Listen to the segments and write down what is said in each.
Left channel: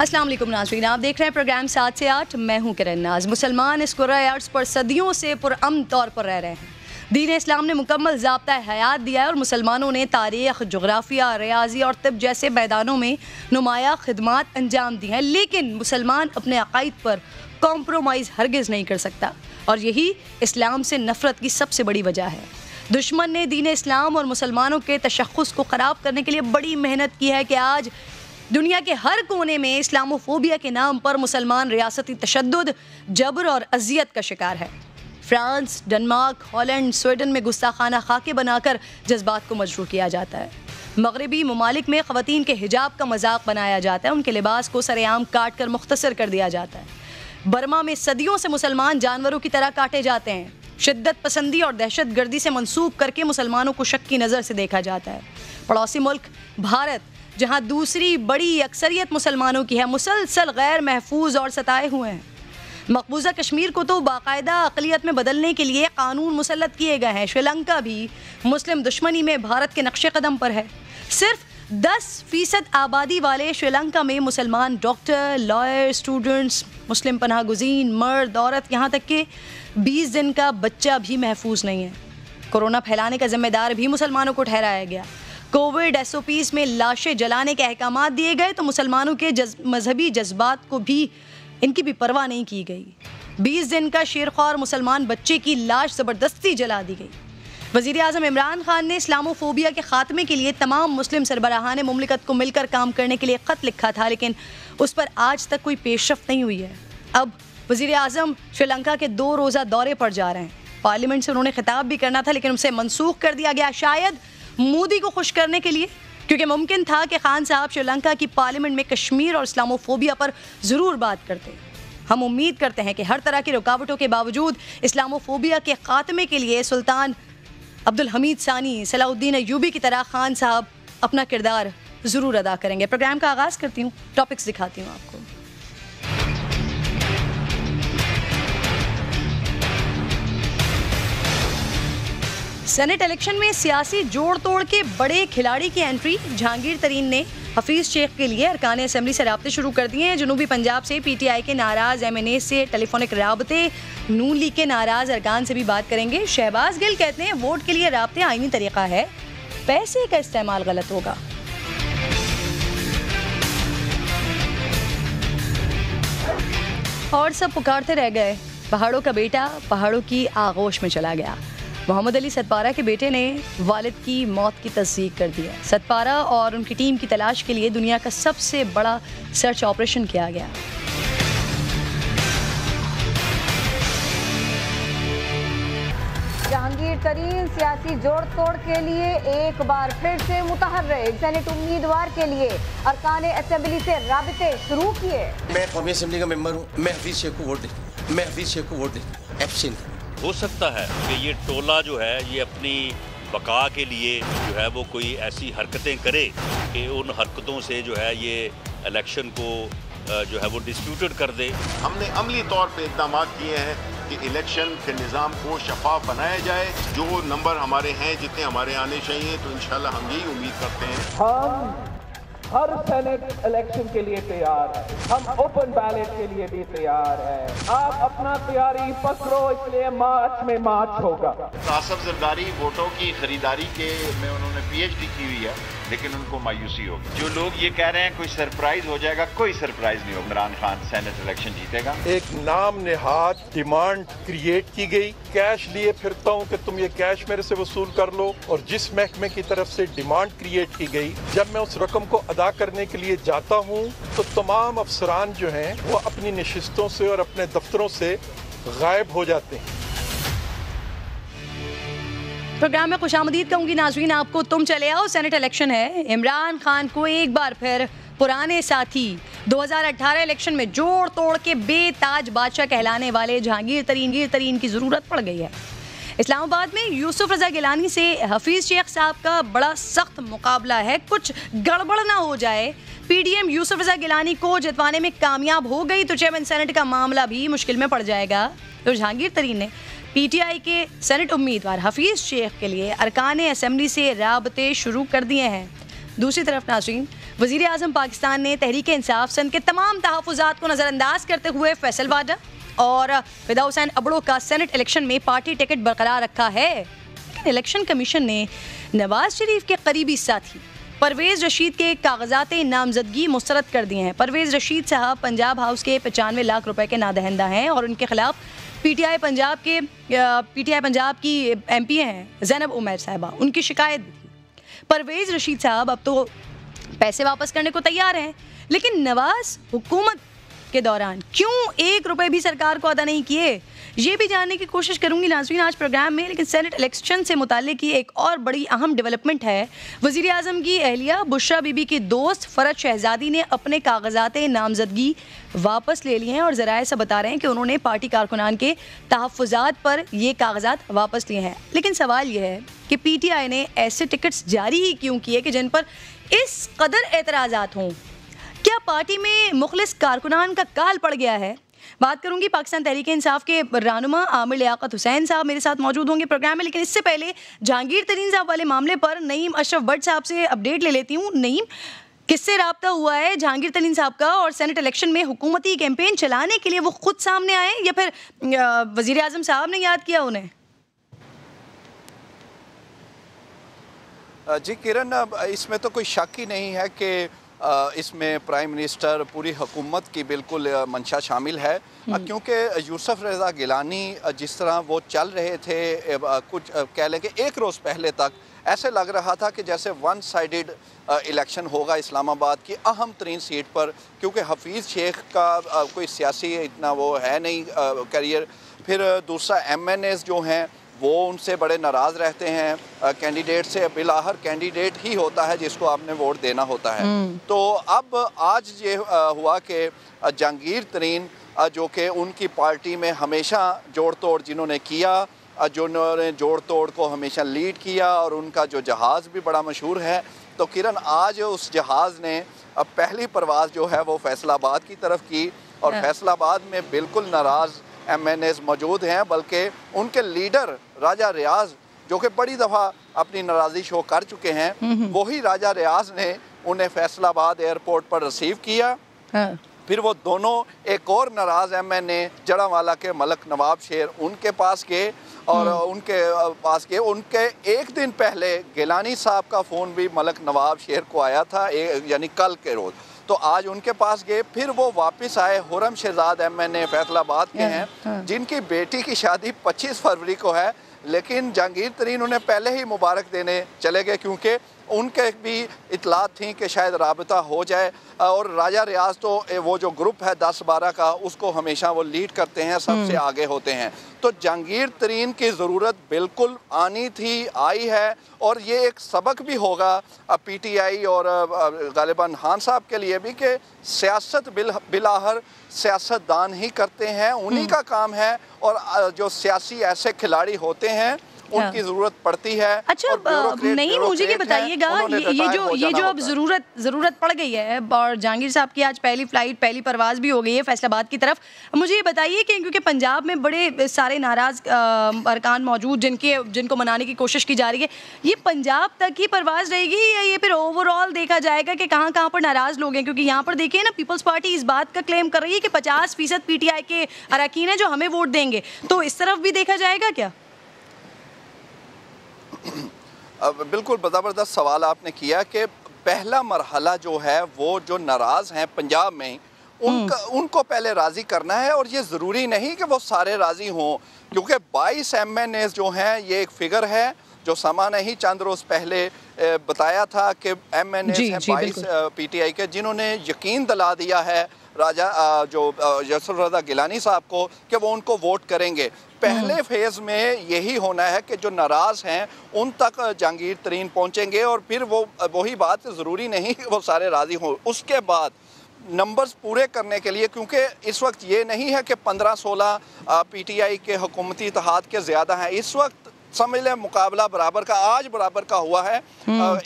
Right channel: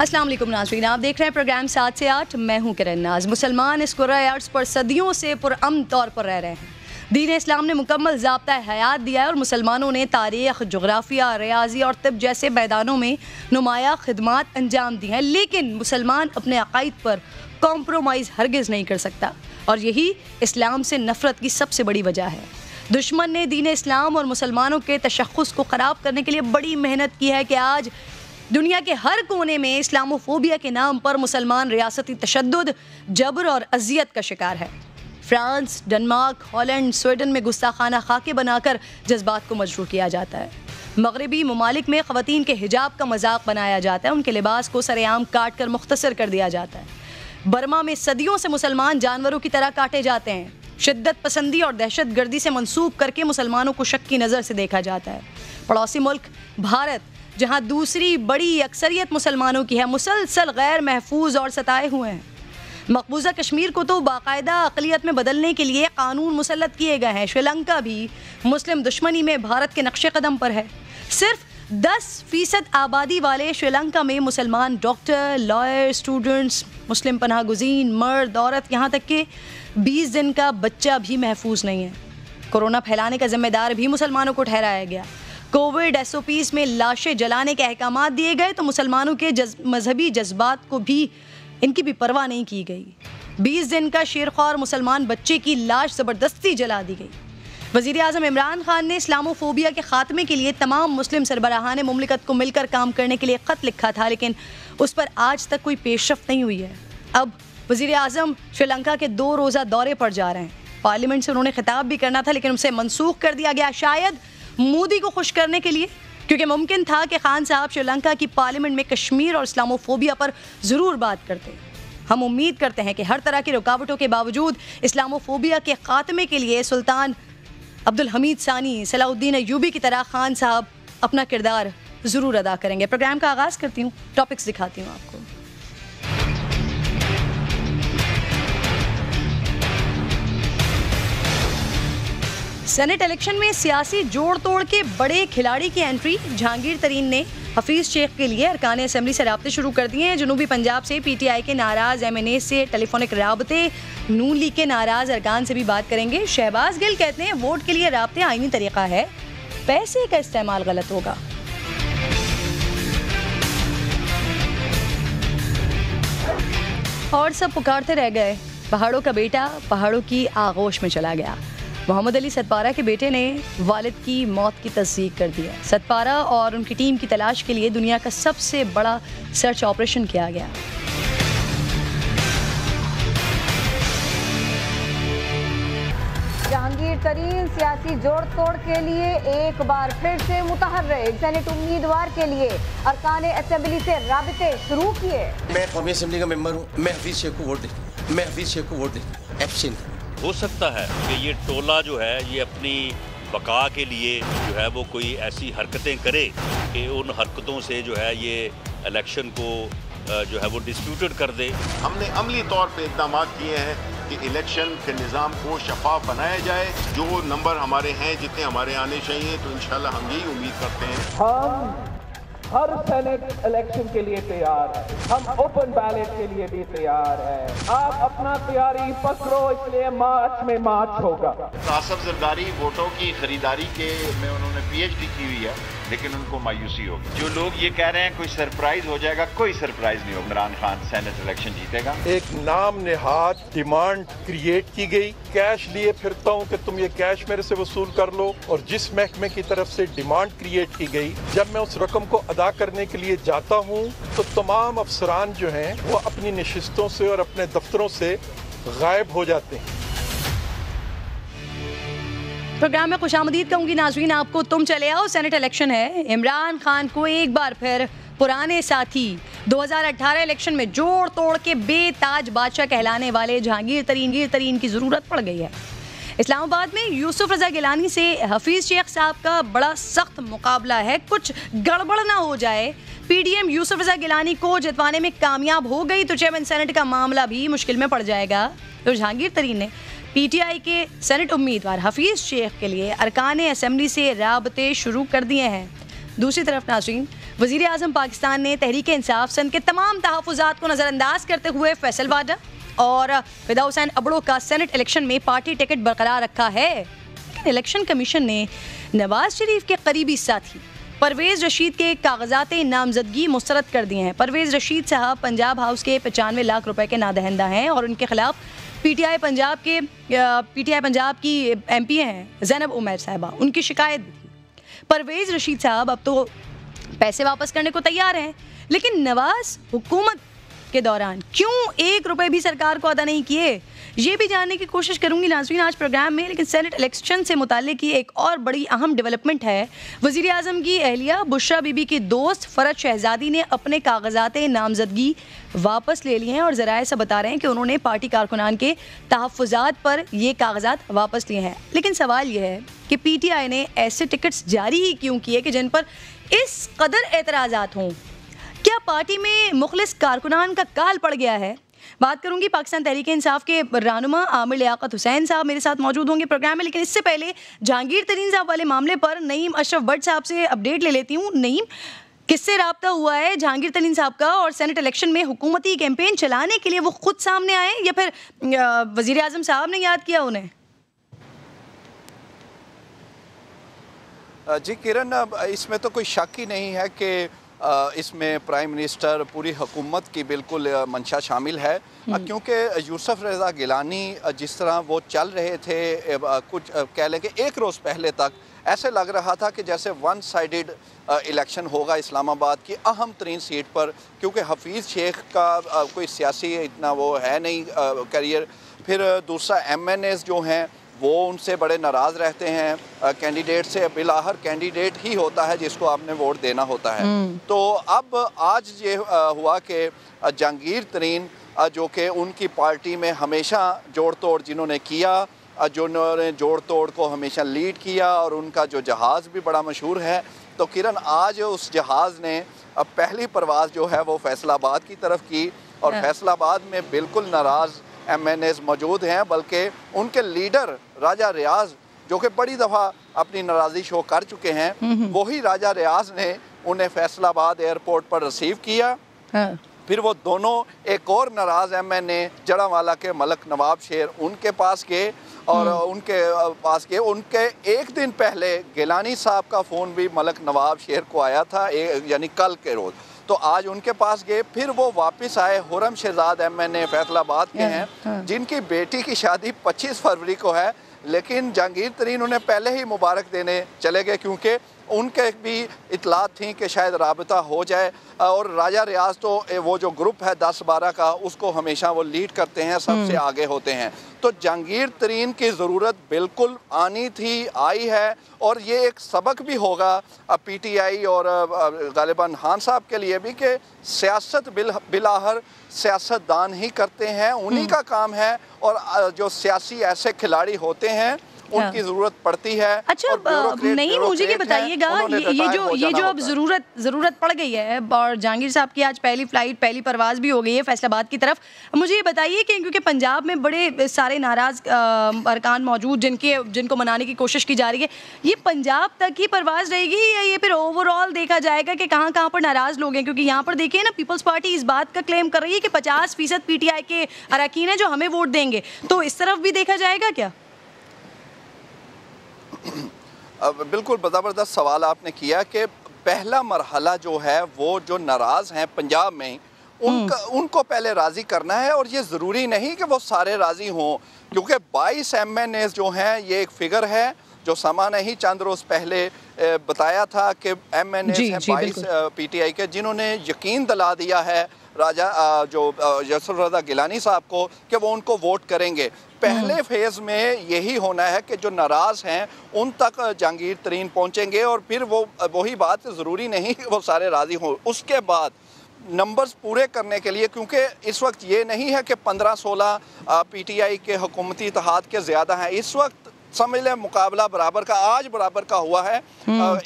अस्सलाम वालेकुम नाज़रीन, आप देख रहे हैं प्रोग्राम 7 से 8। मैं हूं किरण नाज। मुसलमान इस कुर्रा अर्ज़ पर सदियों से पुरअमन तौर पर रह रहे हैं। दीन इस्लाम ने मुकम्मल ज़ाब्ता हयात दिया है और मुसलमानों ने तारीख़, जोग्राफिया, रियाजी और तिब जैसे मैदानों में नुमाया खिदमात अंजाम दी हैं। लेकिन मुसलमान अपने अक़ाइद पर कॉम्प्रोमाइज़ हरगिज़ नहीं कर सकता और यही इस्लाम से नफ़रत की सबसे बड़ी वजह है। दुश्मन ने दीन इस्लाम और मुसलमानों के तशख़्ख़ुस को ख़राब करने के लिए बड़ी मेहनत की है कि आज दुनिया के हर कोने में इस्लामोफोबिया के नाम पर मुसलमान रियासती तशद्दुद, जबर और अजियत का शिकार है। फ्रांस, डेनमार्क, हॉलैंड, स्वीडन में गुस्ताखाना खाके बनाकर जज्बात को मजरूह किया जाता है। मगरबी ममालिक में ख़वातीन के हिजाब का मजाक बनाया जाता है, उनके लिबास को सरेआम काट कर मुख्तसर कर दिया जाता है। बर्मा में सदियों से मुसलमान जानवरों की तरह काटे जाते हैं। शिद्दत पसंदी और दहशत गर्दी से मंसूब करके मुसलमानों को शक की नज़र से देखा जाता है। पड़ोसी मुल्क भारत, जहाँ दूसरी बड़ी अक्सरियत मुसलमानों की है, मुसलसल गैर महफूज और सताए हुए हैं। मकबूजा कश्मीर को तो बाकायदा अक़लियत में बदलने के लिए कानून मुसल्लत किए गए हैं। श्रीलंका भी मुस्लिम दुश्मनी में भारत के नक्शे कदम पर है। सिर्फ 10% आबादी वाले श्रीलंका में मुसलमान डॉक्टर, लॉयर, स्टूडेंट्स, मुस्लिम पनाह गुज़ीन, मर्द, औरत, यहाँ तक कि 20 दिन का बच्चा भी महफूज नहीं है। कोरोना फैलाने का जिम्मेदार भी मुसलमानों को ठहराया गया। कोविड SOPs में लाशें जलाने के अहकामात दिए गए तो मुसलमानों के मजहबी जज्बात को भी इनकी भी परवाह नहीं की गई। 20 दिन का शेरख्वार मुसलमान बच्चे की लाश ज़बरदस्ती जला दी गई। वज़ीर आज़म इमरान खान ने इस्लामोफोबिया के ख़ात्मे के लिए तमाम मुस्लिम सरबराहान मुमलिकत को मिलकर काम करने के लिए ख़त लिखा था, लेकिन उस पर आज तक कोई पेशरफ्त नहीं हुई है। अब वज़ीर आज़म श्रीलंका के 2 रोज़ा दौरे पर जा रहे हैं। पार्लियामेंट से उन्होंने खिताब भी करना था, लेकिन उसे मनसूख कर दिया गया, शायद मोदी को खुश करने के लिए, क्योंकि मुमकिन था कि खान साहब श्रीलंका की पार्लियामेंट में कश्मीर और इस्लामोफोबिया पर ज़रूर बात करते। हम उम्मीद करते हैं कि हर तरह की रुकावटों के बावजूद इस्लामोफोबिया के ख़ात्मे के लिए सुल्तान अब्दुल हमीद सानी, सलाउद्दीन अय्यूबी की तरह खान साहब अपना किरदार ज़रूर अदा करेंगे। प्रोग्राम का आगाज़ करती हूँ, टॉपिक्स दिखाती हूँ आपको। सेनेट इलेक्शन में सियासी जोड़ तोड़ के बड़े खिलाड़ी की एंट्री। जहांगीर तरीन ने हफीज शेख के लिए अरकान असेंबली से राब्ते शुरू कर दिए हैं। जनूबी पंजाब से PTI के नाराज MNA से टेलीफोनिक राब्ते, नून लीग के नाराज अरकान से भी बात करेंगे। शहबाज गिल कहते हैं वोट के लिए राब्ते आईनी तरीका है, पैसे का इस्तेमाल गलत होगा। और सब पुकारते रह गए, पहाड़ों का बेटा पहाड़ों की आगोश में चला गया। मोहम्मद अली सतपारा के बेटे ने वालिद की मौत की तस्दीक कर दिया। सतपारा और उनकी टीम की तलाश के लिए दुनिया का सबसे बड़ा सर्च ऑपरेशन किया गया। जहांगीर तरीन सियासी जोड़ तोड़ के लिए एक बार फिर से मुतहर्रिक। सेनेट उम्मीदवार के लिए अरकान असेंबली से राबते शुरू किए। मैं कौमी असेंबली का मेंबर हूँ, मैं हफीज शेख को वोट देता एब्सेंट। हो सकता है कि ये टोला जो है ये अपनी बका के लिए जो है वो कोई ऐसी हरकतें करे कि उन हरकतों से जो है ये इलेक्शन को जो है वो डिस्प्यूटेड कर दे। हमने अमली तौर पे इक़दाम किए हैं कि इलेक्शन के निज़ाम को शफाफ बनाया जाए। जो नंबर हमारे हैं, जितने हमारे आने चाहिए, तो इंशाल्लाह हम यही उम्मीद करते हैं। हम हर सेनेट इलेक्शन के लिए तैयार है, हम ओपन बैलेट के लिए भी तैयार है। आप अपना तैयारी पकड़ो, इसलिए मार्च में मार्च होगा। आसफ जरदारी वोटों की खरीदारी के में उन्होंने PhD की हुई है, लेकिन उनको मायूसी होगी। जो लोग ये कह रहे हैं कोई सरप्राइज हो जाएगा, कोई सरप्राइज नहीं होगा। इमरान खान सेनेट इलेक्शन जीतेगा। एक नाम नेहाद डिमांड क्रिएट की गई, कैश लिए फिरता हूँ कि तुम ये कैश मेरे से वसूल कर लो, और जिस महकमे की तरफ से डिमांड क्रिएट की गई, जब मैं उस रकम को अदा करने के लिए जाता हूँ तो तमाम अफसरान जो हैं वो अपनी नशिस्तों से और अपने दफ्तरों से गायब हो जाते हैं। प्रोग्राम में खुशामदीद कहूंगी नाज़रीन आपको। तुम चले आओ, सेनेट इलेक्शन है। इमरान खान को एक बार फिर पुराने साथी 2018 इलेक्शन में जोड़ तोड़ के बेताज बादशाह कहलाने वाले जहांगीर तरीन की ज़रूरत पड़ गई है। इस्लामाबाद में यूसुफ रजा गिलानी से हफीज शेख साहब का बड़ा सख्त मुकाबला है। कुछ गड़बड़ ना हो जाए, PDM यूसुफ रजा गिलानी को जितवाने में कामयाब हो गई तो चेयरमैन सेनेट का मामला भी मुश्किल में पड़ जाएगा। तो जहांगीर तरीन ने PTI के सेनेट उम्मीदवार हफीज शेख के लिए अरकान असेंबली से राबते शुरू कर दिए हैं। दूसरी तरफ नाज़रीन, वज़ीर आज़म पाकिस्तान ने तहरीक इंसाफ सिंध के तमाम तहफ़्फ़ुज़ात को नज़रअंदाज करते हुए फैसल वाडा और फिदा हुसैन अबड़ो का सेनेट इलेक्शन में पार्टी टिकट बरकरार रखा है। लेकिन इलेक्शन कमीशन ने नवाज शरीफ के करीबी साथी परवेज़ रशीद के कागजात नामजदगी मुस्तरद कर दिए हैं। परवेज़ रशीद साहब पंजाब हाउस के 95 लाख रुपए के नादहिंदा हैं और उनके खिलाफ पीटीआई पंजाब की MP हैं ज़ैनब उमैर साहिबा, उनकी शिकायत भी थी। परवेज़ रशीद साहब अब तो पैसे वापस करने को तैयार हैं, लेकिन नवाज हुकूमत के दौरान क्यों 1 रुपए भी सरकार को अदा नहीं किए, ये भी जानने की कोशिश करूंगी नाज़रीन आज प्रोग्राम में। लेकिन सेनेट इलेक्शन से मुताल्लिक की एक और बड़ी अहम डेवलपमेंट है। वज़ीर आज़म की अहलिया बुशरा बीबी की दोस्त फरज शहजादी ने अपने कागजात नामजदगी वापस ले लिए हैं और ज़राए से बता रहे हैं कि उन्होंने पार्टी कारकुनान के तहफ़्फ़ुज़ात पर ये कागजात वापस लिए हैं। लेकिन सवाल ये है कि PTI ने ऐसे टिकट्स जारी ही क्यों किए कि जिन पर इस कदर एतराज़ात हों? क्या पार्टी में मुखलिस कारकुनान का काल पड़ गया है? बात करूंगी पाकिस्तान तहरीक इंसाफ के रहनुमा आमिर लियाकत हुसैन साहब मेरे साथ मौजूद होंगे प्रोग्राम में। लेकिन इससे पहले जहांगीर तरीन साहब वाले मामले पर नईम अशरफ भट्ट साहब से अपडेट ले लेती हूँ। नईम, किससे राब्ता हुआ है जहांगीर तरीन साहब का और सेनेट इलेक्शन में हुकूमती कैंपेन चलाने के लिए वो खुद सामने आए या फिर वजीर आजम साहब ने याद किया उन्हें? जी किरण, इसमें तो कोई शक ही नहीं है कि इसमें प्राइम मिनिस्टर पूरी हुकूमत की बिल्कुल मंशा शामिल है, क्योंकि यूसुफ रज़ा गिलानी जिस तरह वो चल रहे थे, कुछ कह लें कि 1 रोज़ पहले तक ऐसे लग रहा था कि जैसे वन साइडेड इलेक्शन होगा इस्लामाबाद की अहम तरीन सीट पर, क्योंकि हफीज़ शेख का कोई सियासी इतना वो है नहीं करियर। फिर दूसरा MNAs जो हैं वो उनसे बड़े नाराज़ रहते हैं कैंडिडेट से। बिलाहर कैंडिडेट ही होता है जिसको आपने वोट देना होता है। तो अब आज ये हुआ कि जहांगीर तरीन जो कि उनकी पार्टी में हमेशा जोड़ तोड़ जिन्होंने किया, जिन्होंने जोड़ तोड़ को हमेशा लीड किया और उनका जो जहाज़ भी बड़ा मशहूर है, तो किरण आज उस जहाज़ ने अब पहली परवाज़ जो है वो फैसलाबाद की तरफ की और फैसलाबाद में बिल्कुल नाराज़ MNAs मौजूद हैं, बल्कि उनके लीडर राजा रियाज जो कि बड़ी दफ़ा अपनी नाराज़ी शो कर चुके हैं, वही राजा रियाज ने उन्हें फैसलाबाद एयरपोर्ट पर रिसीव किया। फिर वो दोनों एक और नाराज़ MNA जड़ावाला के मलक नवाब शेर उनके पास गए और उनके एक दिन पहले गिलानी साहब का फ़ोन भी मलक नवाब शेर को आया था, यानी कल के रोज़। तो आज उनके पास गए, फिर वो वापस आए। हुरम शहजाद MNA फैसलाबाद के हैं जिनकी बेटी की शादी 25 फरवरी को है, लेकिन जहांगीर तरीन उन्हें पहले ही मुबारक देने चले गए क्योंकि उनके भी इतलात थी कि शायद राबता हो जाए। और राजा रियाज तो वो जो ग्रुप है 10-12 का, उसको हमेशा वो लीड करते हैं, सबसे आगे होते हैं। तो जहांगीर तरीन की ज़रूरत बिल्कुल आनी थी, आई है, और ये एक सबक भी होगा PTI और गालिबन खान साहब के लिए भी कि सियासत बिलाहर सियासतदान ही करते हैं, उन्हीं का काम है। और जो सियासी ऐसे खिलाड़ी होते हैं उनकी जरूरत पड़ती है। अच्छा, नहीं, मुझे ये बताइएगा, ये जो अब जरूरत पड़ गई है और जहांगीर साहब की आज पहली फ्लाइट, पहली परवाज भी हो गई है फैसलाबाद की तरफ, मुझे ये बताइए कि क्योंकि पंजाब में बड़े सारे नाराज अरकान मौजूद जिनको मनाने की कोशिश की जा रही है, ये पंजाब तक ही परवाज रहेगी या ये फिर ओवरऑल देखा जाएगा कि कहाँ कहाँ पर नाराज लोग हैं? क्योंकि यहाँ पर देखिए ना, पीपल्स पार्टी इस बात का क्लेम कर रही है कि 50% PTI के अरकान है जो हमें वोट देंगे, तो इस तरफ भी देखा जाएगा क्या? बिल्कुल ज़बरदस्त सवाल आपने किया कि पहला मरहला जो है वो जो नाराज़ हैं पंजाब में उनको पहले राज़ी करना है। और ये ज़रूरी नहीं कि वो सारे राज़ी हों, क्योंकि 22 MNAs जो हैं, ये एक फिगर है जो समा ने ही चंद रोज़ पहले बताया था कि MNAs हैं 22 PTI के, जिन्होंने यकीन दिला दिया है राजा जो यूसुफ रज़ा गिलानी साहब को कि वो उनको वोट करेंगे। पहले फेज में यही होना है कि जो नाराज़ हैं उन तक जहांगीर तरीन पहुंचेंगे और फिर वो वही बात, ज़रूरी नहीं कि वो सारे राज़ी हों। उसके बाद नंबर्स पूरे करने के लिए, क्योंकि इस वक्त ये नहीं है कि 15-16 PTI के हुकूमती इत्तेहाद के ज़्यादा हैं, इस वक्त समझ लें मुकाबला बराबर का आज बराबर का हुआ है।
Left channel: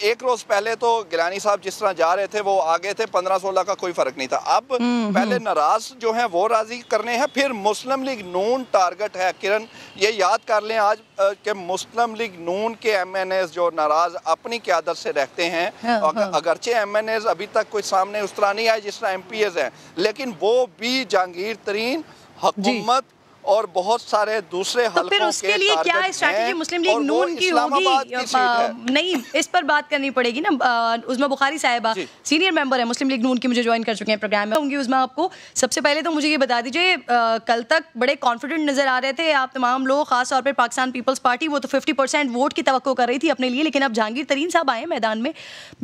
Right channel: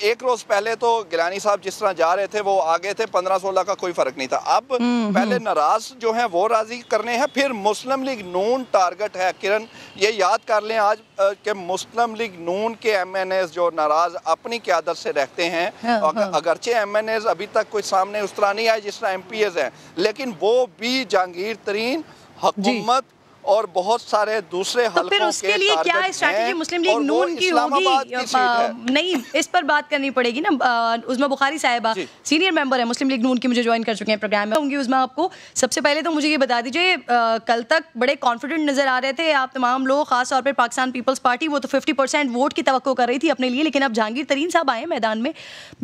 एक रोज पहले तो गिलानी साहब जिस तरह जा रहे थे वो आगे थे, 15-16 का कोई फर्क नहीं था। अब पहले नाराज जो हैं वो राजी करने हैं, फिर मुस्लिम लीग नून टारगेट है। किरण ये याद कर लें आज कि मुस्लिम लीग नून के MNAs जो नाराज अपनी क़यादत से रहते हैं, अगरचे MNAs अभी तक कोई सामने उस तरह नहीं आए जिस तरह MPs हैं, लेकिन वो भी जहांगीर तरीन हुकूमत और बहुत सारे दूसरे हलकों के फिर उसके लिए क्या स्ट्रैटेजी मुस्लिम लीग नून की होगी? नहीं, इस पर बात करनी पड़ेगी ना। उज़मा बुखारी साहिबा सीनियर मेंबर है मुस्लिम लीग नून की, मुझे ज्वाइन कर चुके हैं प्रोग्राम में। होंगी उज़मा, आपको सबसे पहले तो मुझे ये बता दीजिए, कल तक बड़े कॉन्फिडेंट नजर आ रहे थे आप तमाम लोग, खास तौर पर पाकिस्तान पीपल्स पार्टी, वो तो 50% वोट की तवक्को कर रही थी अपने लिए, लेकिन अब जहांगीर तरीन साहब आए मैदान में,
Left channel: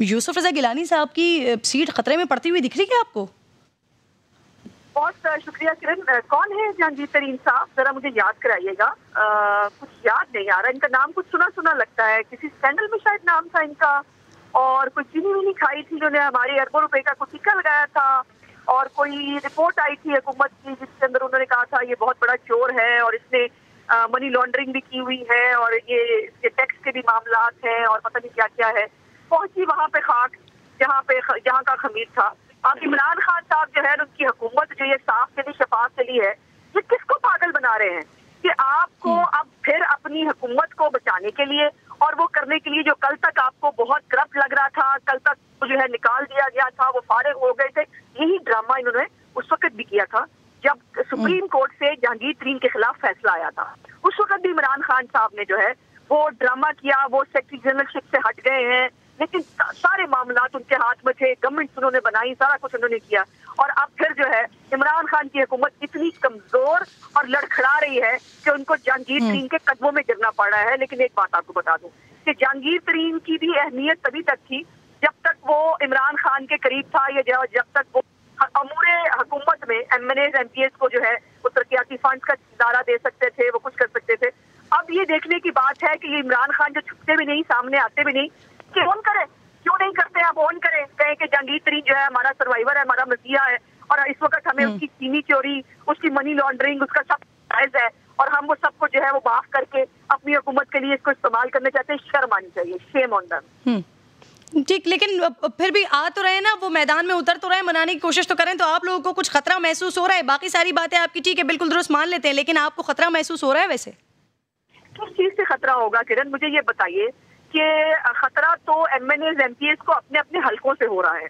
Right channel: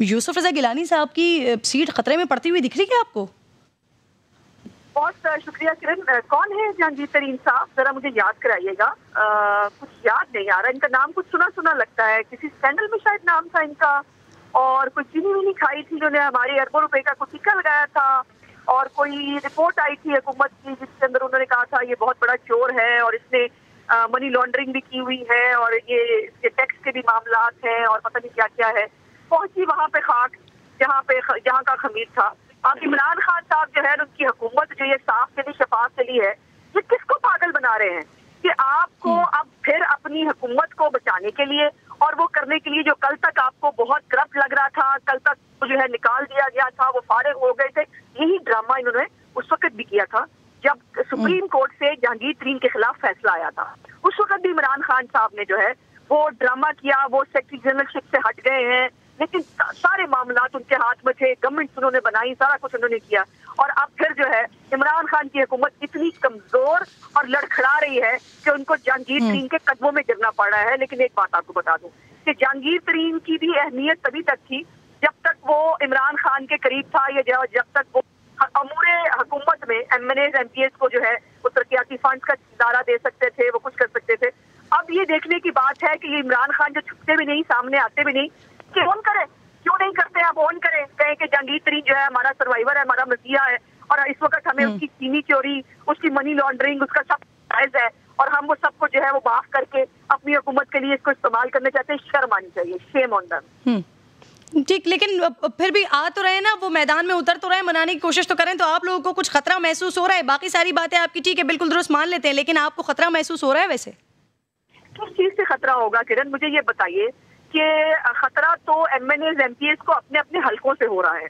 यूसुफ रजा गिलानी साहब की सीट खतरे में पड़ती हुई दिख रही है आपको? बहुत शुक्रिया किरण। कौन है जहांगीर तरीन साहब, जरा मुझे याद कराइएगा। कुछ याद नहीं आ रहा, इनका नाम कुछ सुना सुना लगता है, किसी स्कैंडल में शायद नाम था इनका, और कुछ चीनी भी नहीं खाई थी जिन्होंने हमारे अरबों रुपए का कुछ टिक्का लगाया था, और कोई रिपोर्ट आई थी हुकूमत की जिसके अंदर उन्होंने कहा था ये बहुत बड़ा चोर है और इसने मनी लॉन्ड्रिंग भी की हुई है और ये इसके टैक्स के भी मामलात हैं और पता नहीं क्या क्या है। पहुंची वहां पे खाक जहाँ का खमीर था। अब इमरान खान साहब जो है उनकी हुकूमत जो ये साफ चली शफाफ चली है, ये किसको पागल बना रहे हैं कि आपको अब फिर अपनी हुकूमत को बचाने के लिए और वो करने के लिए जो कल तक आपको बहुत करप्ट लग रहा था, कल तक जो है निकाल दिया गया था, वो फारिग हो गए थे, यही ड्रामा इन्होंने उस वक्त भी किया था जब सुप्रीम कोर्ट से जहांगीर तरीन के खिलाफ फैसला आया था। उस वक्त भी इमरान खान साहब ने जो है वो ड्रामा किया, वो सेक्रेटरी जनरलशिप से हट गए हैं, लेकिन सारे मामलात उनके हाथ में थे, गवर्नमेंट उन्होंने बनाई, सारा कुछ उन्होंने किया, और अब फिर जो है इमरान खान की हुकूमत इतनी कमजोर और लड़खड़ा रही है कि उनको जहांगीर तरीन के कदमों में गिरना पड़ रहा है। लेकिन एक बात आपको बता दूं कि जहांगीर तरीन की भी अहमियत तभी तक थी जब तक वो इमरान खान के करीब था, या जब तक वो अमूरे हुकूमत में MNAs MPs को जो है वो तरक्याती फंड का दायरा दे सकते थे, वो कुछ कर सकते थे। अब ये देखने की बात है कि ये इमरान खान जो छुपते भी नहीं, सामने आते भी नहीं, कि ऑन करें, क्यों नहीं करते, आप ऑन करें, कहें कि जहांगीर तरीन जो है हमारा सर्वाइवर है, हमारा मसीहा है, और इस वक्त हमें उसकी चीनी चोरी, उसकी मनी लॉन्ड्रिंग, उसका सब जायज है, और हम वो सबको जो है वो माफ करके अपनी हुकूमत के लिए इसको इस्तेमाल करना चाहते हैं। शर्म आनी चाहिए, शेम ऑन देम। ठीक, लेकिन फिर भी आ तो रहे ना, वो मैदान में उतर तो रहे, मनाने की कोशिश तो करें, तो आप लोगों को कुछ खतरा महसूस हो रहा है? बाकी सारी बातें आपकी ठीक है, बिल्कुल दुरुस्त मान लेते हैं, लेकिन आपको खतरा महसूस हो रहा है? वैसे किस चीज से खतरा होगा किरण, मुझे ये बताइए कि खतरा तो MNAs MPs को अपने अपने हलकों से हो रहा है।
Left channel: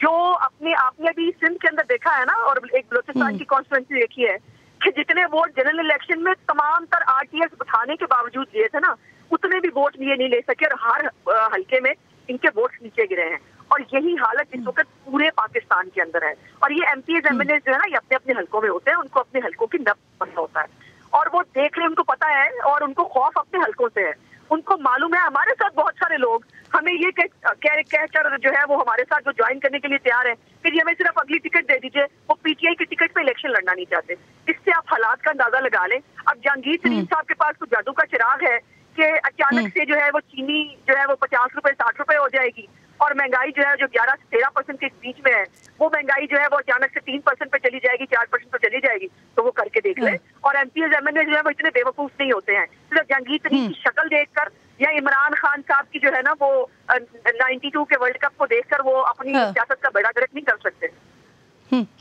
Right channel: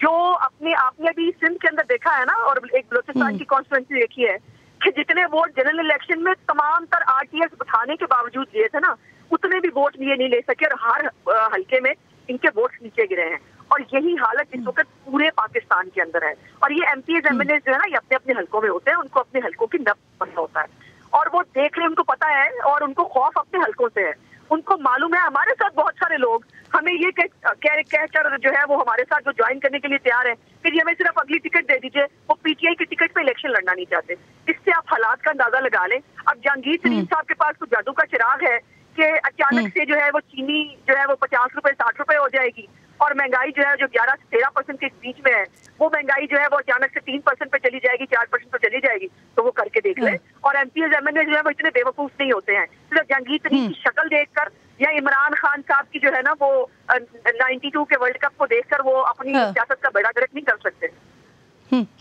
जो अपने आपने भी सिंध के अंदर देखा है ना, और एक बलोचिस्तान की कॉन्स्टिट्यूंसी देखी है कि जितने वोट जनरल इलेक्शन में तमाम तर RTS उठाने के बावजूद दिए थे ना, उतने भी वोट ये नहीं ले सके, और हर हल्के में इनके वोट नीचे गिरे हैं। और यही हालत इस वक्त पूरे पाकिस्तान के अंदर है। और ये MPs MNAs जो है ना, ये अपने अपने हलकों में होते हैं, उनको अपने हलकों की नब्ज पता होता है, और वो देख रहे, उनको पता है, और उनको खौफ अपने हलकों से है। उनको मालूम है हमारे साथ बहुत सारे लोग हमें ये कहकर जो है वो हमारे साथ जो ज्वाइन करने के लिए तैयार है कि जी हमें सिर्फ अगली टिकट दे दीजिए, वो PTI की टिकट पे इलेक्शन लड़ना नहीं चाहते। इससे आप हालात का अंदाजा लगा लें। अब जहांगीर तरीन साहब के पास कुछ जादू का चिराग है कि अचानक से जो है वो चीनी जो है वो 50 रुपए 60 रुपए हो जाएगी, और महंगाई जो है जो 11 से 13% के बीच में है, वो महंगाई जो है वो अचानक से 3% पे चली जाएगी, 4% पे चली जाएगी। तो वो करके देख ले। और MPs MNAs जो है वो इतने बेवकूफ नहीं होते हैं, सिर्फ जहांगीर तरीन की शक्ल देखकर या इमरान खान साहब की जो है ना वो 92 के वर्ल्ड कप को देखकर वो अपनी सियासत का बेड़ा गर्क नहीं कर सकते।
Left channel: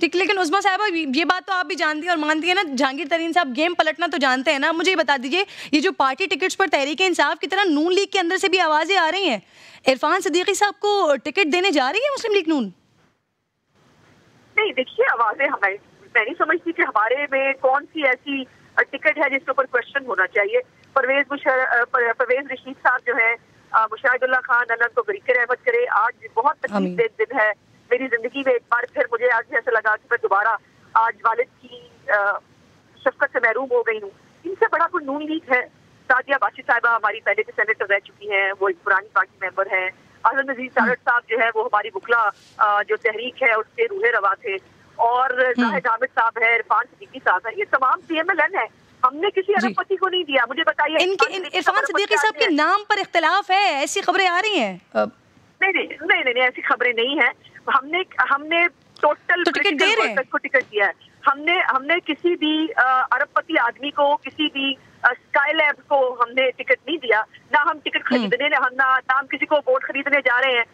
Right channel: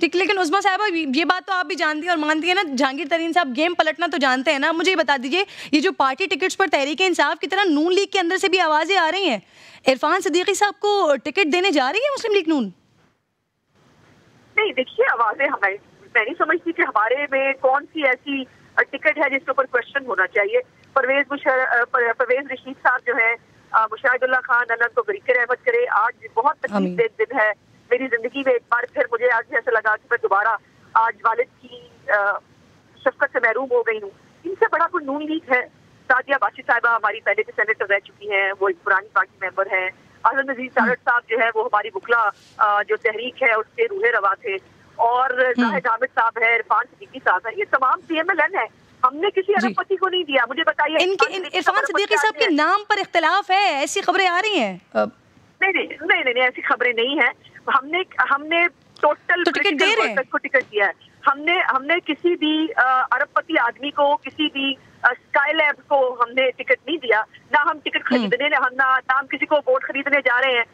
ठीक, लेकिन उज़मा साहबा ये बात तो आप भी जानती हैं और मानती है ना, जहांगीर तरीन साहब गेम पलटना तो जानते हैं ना। मुझे ये बता दीजिए, ये जो पार्टी टिकट्स पर तहरीक इंसाफ की तरह नून लीग के अंदर से भी आवाजें आ रही हैं, इरफान सिद्दीकी साहब को टिकट देने जा रही है मुस्लिम लीग नून? नहीं, देखिए आवाजें मैं नहीं समझती कि हमारे में कौन सी ऐसी टिकट है जिसके ऊपर क्वेश्चन होना चाहिए। परवेज रशीद साहब जो है, मुशाहिदुल्लाह खान अनंत को बरीकर अहमद करे, आज बहुत तकलीफ दिन है मेरी जिंदगी में। एक बार फिर मुझे आज ऐसा लगा कि मैं दोबारा आज वालिद की शफकत से महरूम हो गई हूँ। इनसे बड़ा कोई नून लीग है। सादिया बाशी साहिबा हमारी पहले के सेनेटर रह चुकी हैं, वो एक पुरानी पार्टी मेंबर हैं। आजम नजीर सारट साहब जो है वो हमारी बुकला जो तहरीक है उसके रूहे रवा थे, और जाहिद हामिद साहब है, इरफान सिद्दीकी साहब है, ये तमाम CMLN है। हमने किसी अरबपति को नहीं दिया। मुझे बताइए, इरफान सिद्दीकी साहब के नाम पर इख्तिलाफ है, ऐसी खबरें आ रही हैं? नहीं, ऐसी खबरें नहीं है। हमने टोटल को टिकट दिया है। हमने किसी भी अरबपति आदमी को, किसी भी स्काई लैब को हमने टिकट नहीं दिया, ना हम टिकट खरीदने, ना हम किसी को वोट खरीदने जा रहे हैं।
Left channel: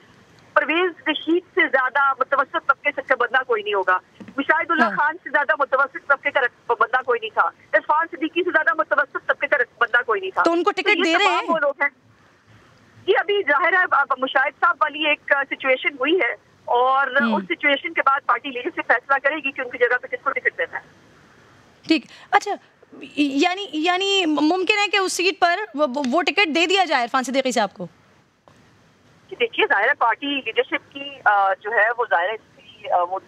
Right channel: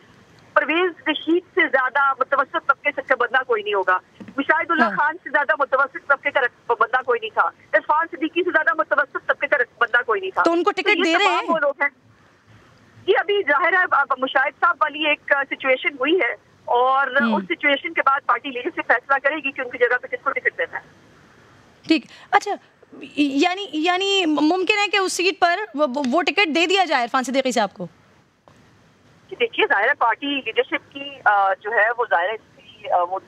परवेज रशीद से ज्यादा मुतवस्सित तबके का बंदा कोई नहीं होगा, मुशाहिदुल्लाह खान से ज्यादा मुतवस्सित तबके का बंदा कोई नहीं था, इरफान सिद्दीकी से ज्यादा मुतवस्सित तबके का बंदा कोई नहीं था। तो उनको टिकट दे रहे हैं वो लोग हैं। ये अभी जाहिर है मुशाहिद साहब वाली एक सिचुएशन हुई है और उस सिचुएशन के बाद पार्टी लीडरशिप फैसला करेगी कि उनकी जगह पे किसको टिकट देना है। ठीक, अच्छा, यानी मुमकिन है कि उस सीट पर वो टिकट दे दिया जाए इरफान सिद्दीकी साहब को? देखिए, जाहिर है पार्टी लीडरशिप की जो है वो जाहिर है वो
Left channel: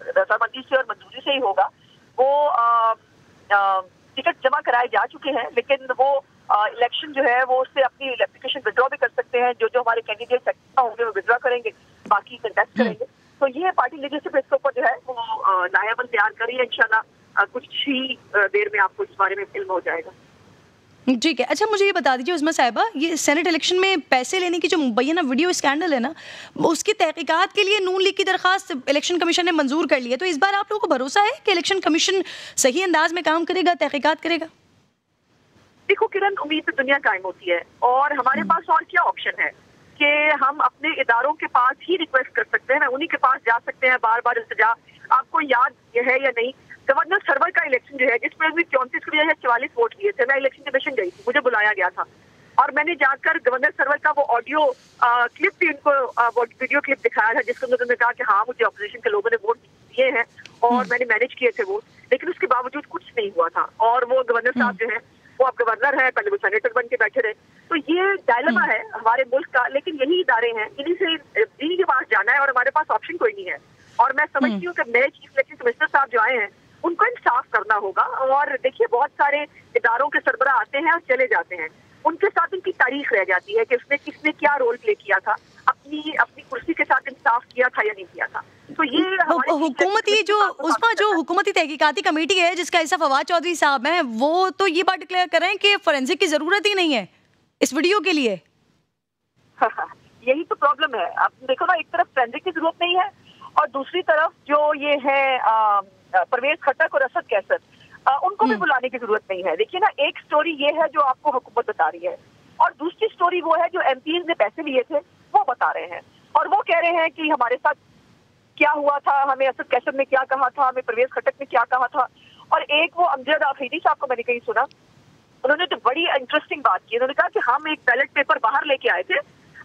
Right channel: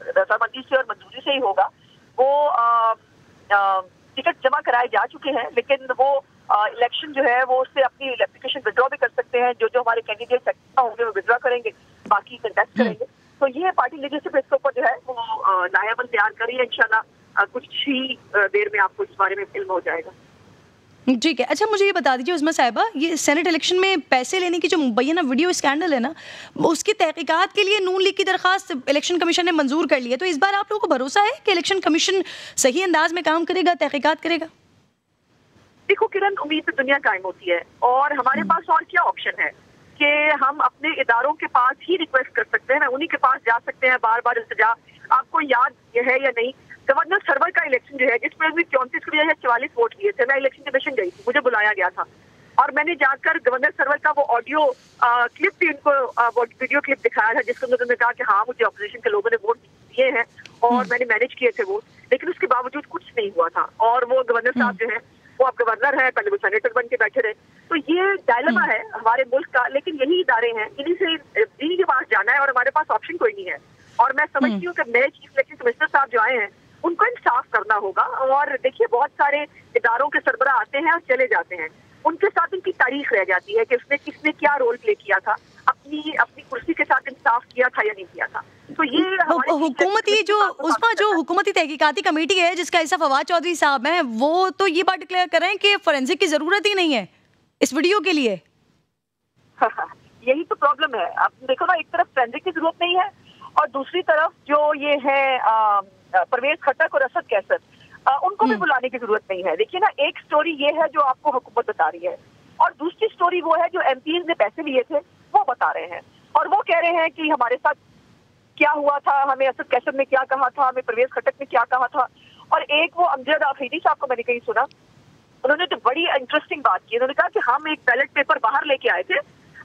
रजामंदी से और मंजूरी से ही होगा। वो टिकट जमा कराए जा चुके हैं, लेकिन वो इलेक्शन जो है वो उससे अपनी एप्लीकेशन विड्रॉ भी कर सकते हैं। जो हमारे कैंडिडेट होंगे वो विड्रॉ करेंगे, बाकी कंटेस्ट करेंगे। तो ये पार्टी लीडरशिप इसके ऊपर जो है वो नायाबन तैयार करी है। इंशाल्लाह कुछ ही देर में आपको इस बारे में फिल्म हो जाएगा। ठीक है, अच्छा मुझे ये बता दीजिए उस्मा साहिबा, ये सेनेट इलेक्शन में पैसे लेने की जो मुबैना वीडियो स्कैंडल है ना, उसकी तहकीकात के लिए नून लीग की दरखास्त इलेक्शन कमीशन ने मंजूर कर ली है। तो इस बार आप लोगों को भरोसा है कि इलेक्शन कमीशन सही अंदाज में काम करेगा, तहकीकात करेगा? देखो किरण, उम्मीद तो दुनिया कायम होती है और हमारे पास और क्या ऑप्शन है कि हम अपने इदारों के पास ही रिक्वेस्ट कर सकते हैं ना, उन्हीं के पास जा सकते हैं बार बार इल्तिजा। आपको याद है या नहीं, गवर्नर सर्वर का इलेक्शन जो है जिसमें 34 या 44 वोट लिए थे, मैं इलेक्शन कमीशन गई थी, मुझे बुलाया गया था और मैंने जाकर गवर्नर सर्वर का वो ऑडियो क्लिप भी उनको वीडियो क्लिप दिखाया था, जिसके अंदर उन्होंने कहा कि हाँ मुझे अपोजिशन के लोगों ने वोट दिए हैं और मैंने मैनेज किए थे वोट, लेकिन उसके बावजूद कुछ नहीं हुआ था। और वो गवर्नर साहब जो है वो अब गवर्नर है, पहले वो सेनेटर बन के बैठे रहे। तो ये डायलेमा है हमारे मुल्क का, लेकिन यही इदारे हैं, इन्हीं के पास जाना है और हमारे पास ऑप्शन कोई नहीं है। और मैं समझती हूँ कि नए चीफ इलेक्शन कमिश्नर साहब जो आए हैं उनको इंसाफ करना होगा। और देखिए, बहुत सारे इदारों के सरबरा आते हैं और चले जाते हैं, उनके साथ उनकी तारीख रह जाती है कि उसने किसने क्या रोल प्ले किया था, अपनी कुर्सी के साथ इंसाफ किया था या नहीं किया था। तो ये हुकूमती जो हुकूमती तहकीकाती कमेटी है जिसका हिस्सा फवाद चौधरी साहब हैं, वो तो ये बात डिक्लेयर कर रहे हैं कि फोरेंसिक की जरूरत ही नहीं है इस वीडियो के लिए। यही तो प्रॉब्लम है। आप देखो ना, एक तरफ फोरेंसिक की जरूरत नहीं है और दूसरी तरफ जो ये है परवेज खट्टक और असद कैसर, उनको भी बुलाने की जरूरत नहीं है। देखिए ना, एक स्टोरी ये है जो आपको हुकूमत बता रही है और दूसरी स्टोरी वो है जो एमपीज ने पैसे लिए थे वो बता रहे हैं और वो कह रहे हैं कि हमारे साथ क्या हुआ था, हमें असद कैसर ने क्या कहा था, हमें परवेज खट्टक ने क्या कहा था। और एक वो अमजद आफरीदी साहब को मैंने कहीं सुना, उन्होंने तो बड़ी इंटरेस्टिंग बात की। उन्होंने कहा कि हम एक बैलेट पेपर बाहर लेके आए थे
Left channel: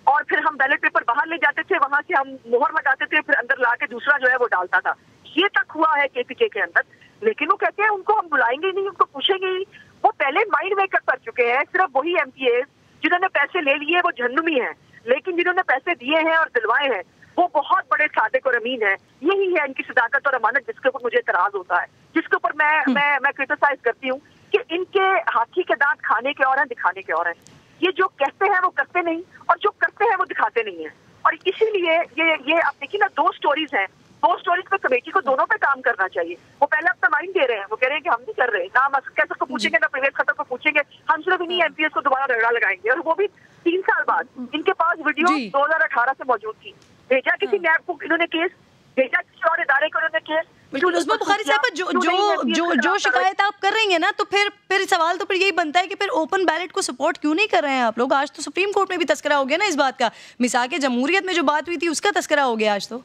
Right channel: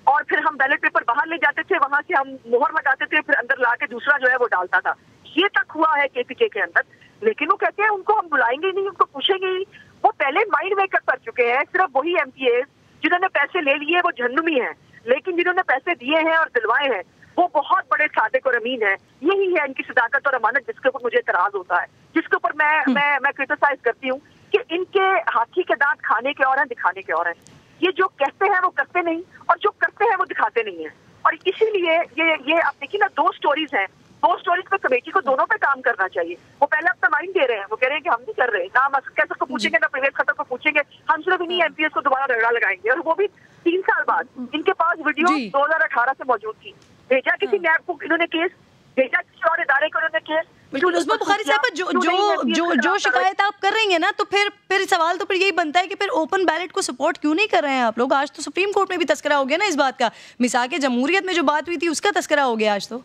और फिर हम बैलेट पेपर बाहर ले जाते थे, वहां से हम मोहर लगाते थे, फिर अंदर ला के दूसरा जो है वो डालता था। ये तक हुआ है केपीके के अंदर, लेकिन वो कहते हैं उनको हम बुलाएंगे नहीं, उनको पूछेंगे नहीं। वो पहले माइंड मेकअप कर चुके हैं। सिर्फ वही एमपीएस जिन्होंने पैसे ले लिए वो जहन्नुमी है, लेकिन जिन्होंने पैसे दिए हैं और दिलवाए हैं वो बहुत बड़े सादिक और अमीन है। यही है इनकी सदाकत और अमानत जिसके ऊपर मुझे एतराज होता है, जिसके ऊपर मैं क्रिटिसाइज करती हूँ कि इनके हाथी के दांत खाने के और हैं, दिखाने के और हैं। ये जो कहते हैं वो करते नहीं और जो करते हैं वो दिखाते नहीं है। और इसीलिए ये आप देखिए ना, दो स्टोरीज हैं, दो स्टोरीज पे कमेटी को दोनों पे काम करना चाहिए। वो पहले अपना माइंड दे रहे हैं, वो कह रहे हैं कि हम नहीं कर रहे, ना हम कैसे को पूछेंगे ना परवेज खट्टक को पूछेंगे, हम सिर्फ इन्हीं एमपीएस को दोबारा रगड़ा लगाएंगे। और वो भी 3 साल बाद। इनके पास वीडियो 2018 से मौजूद थी, भेजा किसी नैब को इन्होंने केस, भेजा किसी और इदारे को इन्होंने केस। उस्मा बुखारी साहब, जो शिकायत आप कर रही हैं ना, तो फिर सवाल तो फिर यही बनता है कि फिर ओपन बैलेट को सपोर्ट क्यों नहीं कर रहे हैं आप लोग? आज तो सुप्रीम कोर्ट में भी तस्करा हो गया ना इस बात का, मिसाक जमहूरियत में जो बात हुई थी उसका तस्करा हो गया आज। तो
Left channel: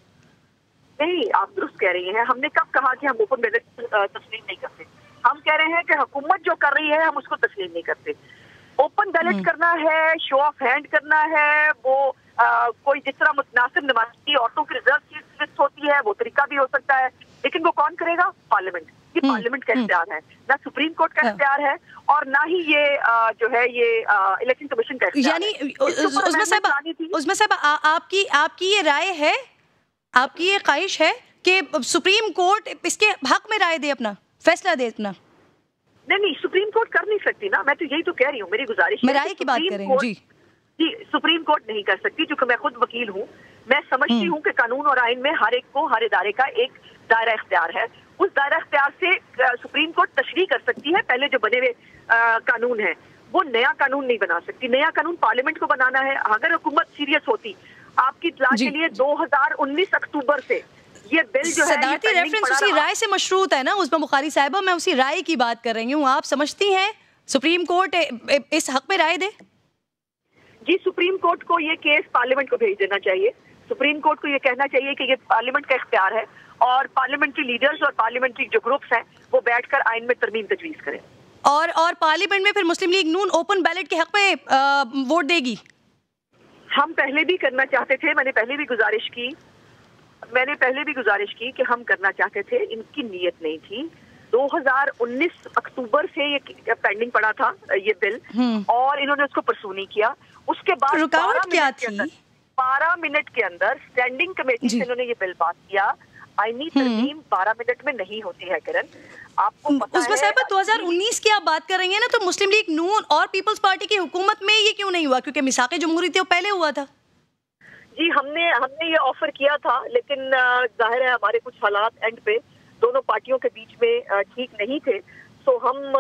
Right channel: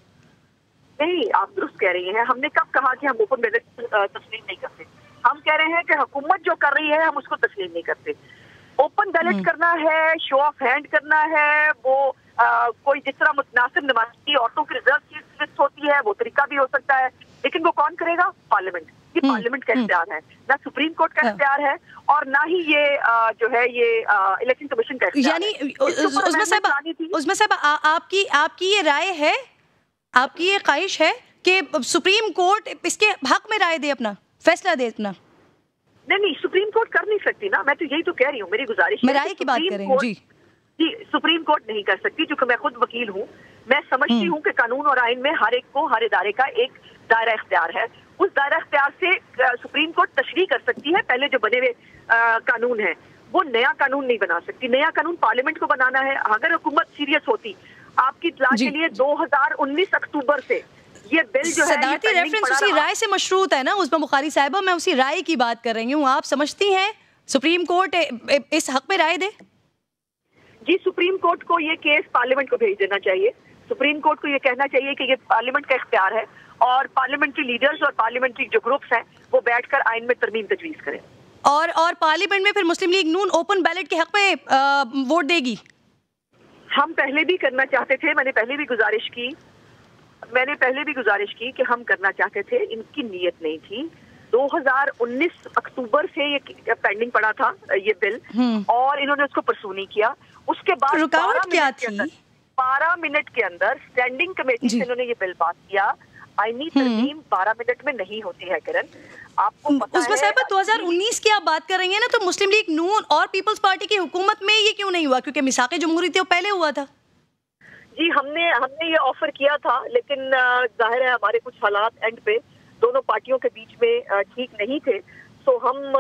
नहीं, आप दुरुस्त कह रही हैं। हमने कब कहा कि हम ओपन बैलेट तस्लीम नहीं करते? हम कह रहे हैं कि हुकूमत जो कर रही है हम उसको तस्लीम नहीं करते। ओपन बैलेट करना है, शो ऑफ हैंड करना है, वो कोई जिस तरह मुतनासिब नमाजी औरतों की रिजर्व सीट होती है वो तरीका भी हो सकता है, लेकिन वो कौन करेगा? पार्लियामेंट। ये पार्लियामेंट का इख्तियार है, ना सुप्रीम कोर्ट का इख्तियार है और ना ही ये जो है ये इलेक्शन कमीशन का इख्तियार है। यानी उस्मा साहब, आपकी ये राय है, आपकी ये ख्वाहिश है कि सुप्रीम कोर्ट इसके हक में राय दे, अपना फैसला दे अपना? नहीं, सुप्रीम कोर्ट कर नहीं सकती ना, मैं तो यही तो कह रही हूँ। मेरी गुजारिश है, राय की बात कर रही हूँ जी। सुप्रीम कोर्ट नहीं कर सकती, क्योंकि मैं खुद वकील हूँ। मैं समझती हूँ कि कानून और आइन में हर एक को, हर इदारे का एक दायरा इख्तियार है। उस दायरा इख्तियार से सुप्रीम कोर्ट तशरीह कर सकती है। पहले जो बने हुए कानून है वो नया कानून नहीं बना सकती, नया कानून पार्लियामेंट को बनाना है। अगर हुकूमत सीरियस होती, आपकी इत्तला के लिए 2019 अक्टूबर से ये बिल صدارتی ریفرنس اسی رائے سے مشروط ہے نا عظمیٰ بخاری صاحبہ, میں اسی رائے کی بات کر رہی ہوں. آپ سمجھتی ہیں سپریم کورٹ اس حق میں رائے دے؟ جی, سپریم کورٹ کو یہ کیس پارلیمنٹ کو بھیج دینا چاہیے. سپریم کورٹ کو یہ کہنا چاہیے کہ یہ پارلیمنٹ کا اختیار ہے اور پارلیمنٹ کی لیڈرز اور پارلیمنٹ کی جو گروپس ہیں وہ بیٹھ کر آئین میں ترمیم تجویز کریں. اور پارلیمنٹ میں پھر مسلم لیگ نون اوپن بیلٹ کے حق میں ووٹ دے گی؟ ہم پہلے بھی کرنا چاہتے تھے, میں نے پہلے بھی گزارش کی کہ ہم کرنا چاہتے تھے, ان کی نیت نہیں تھی. 2019 اکتوبر سے یہ پینڈنگ پڑا تھا یہ بل, اور انہوں نے اس کو پرسو نہیں کیا. اس کے بعد رکاوٹ کیا تھی؟ 12 منٹ کے اندر اسٹینڈنگ کمیٹی سے انہوں نے یہ بل پاس کیا. آئینی ترمیم 12 منٹ میں نہیں ہوتی ہے کرن, آپ کو پتہ ہے. صاحبہ 2019 کی آپ بات کر رہی ہیں نا, تو مسلم لیگ نون اور پیپلز پارٹی کی حکومت میں یہ کیوں نہیں ہوا؟ کیونکہ میثاق جمہوریت تو پہلے ہوا تھا. جی, ہم نے یہ آفر کیا تھا, لیکن ظاہر ہے ہمارے کچھ حالات اینڈ پہ دونوں پارٹیوں کے بیچ میں ٹھیک نہیں تھے, تو ہم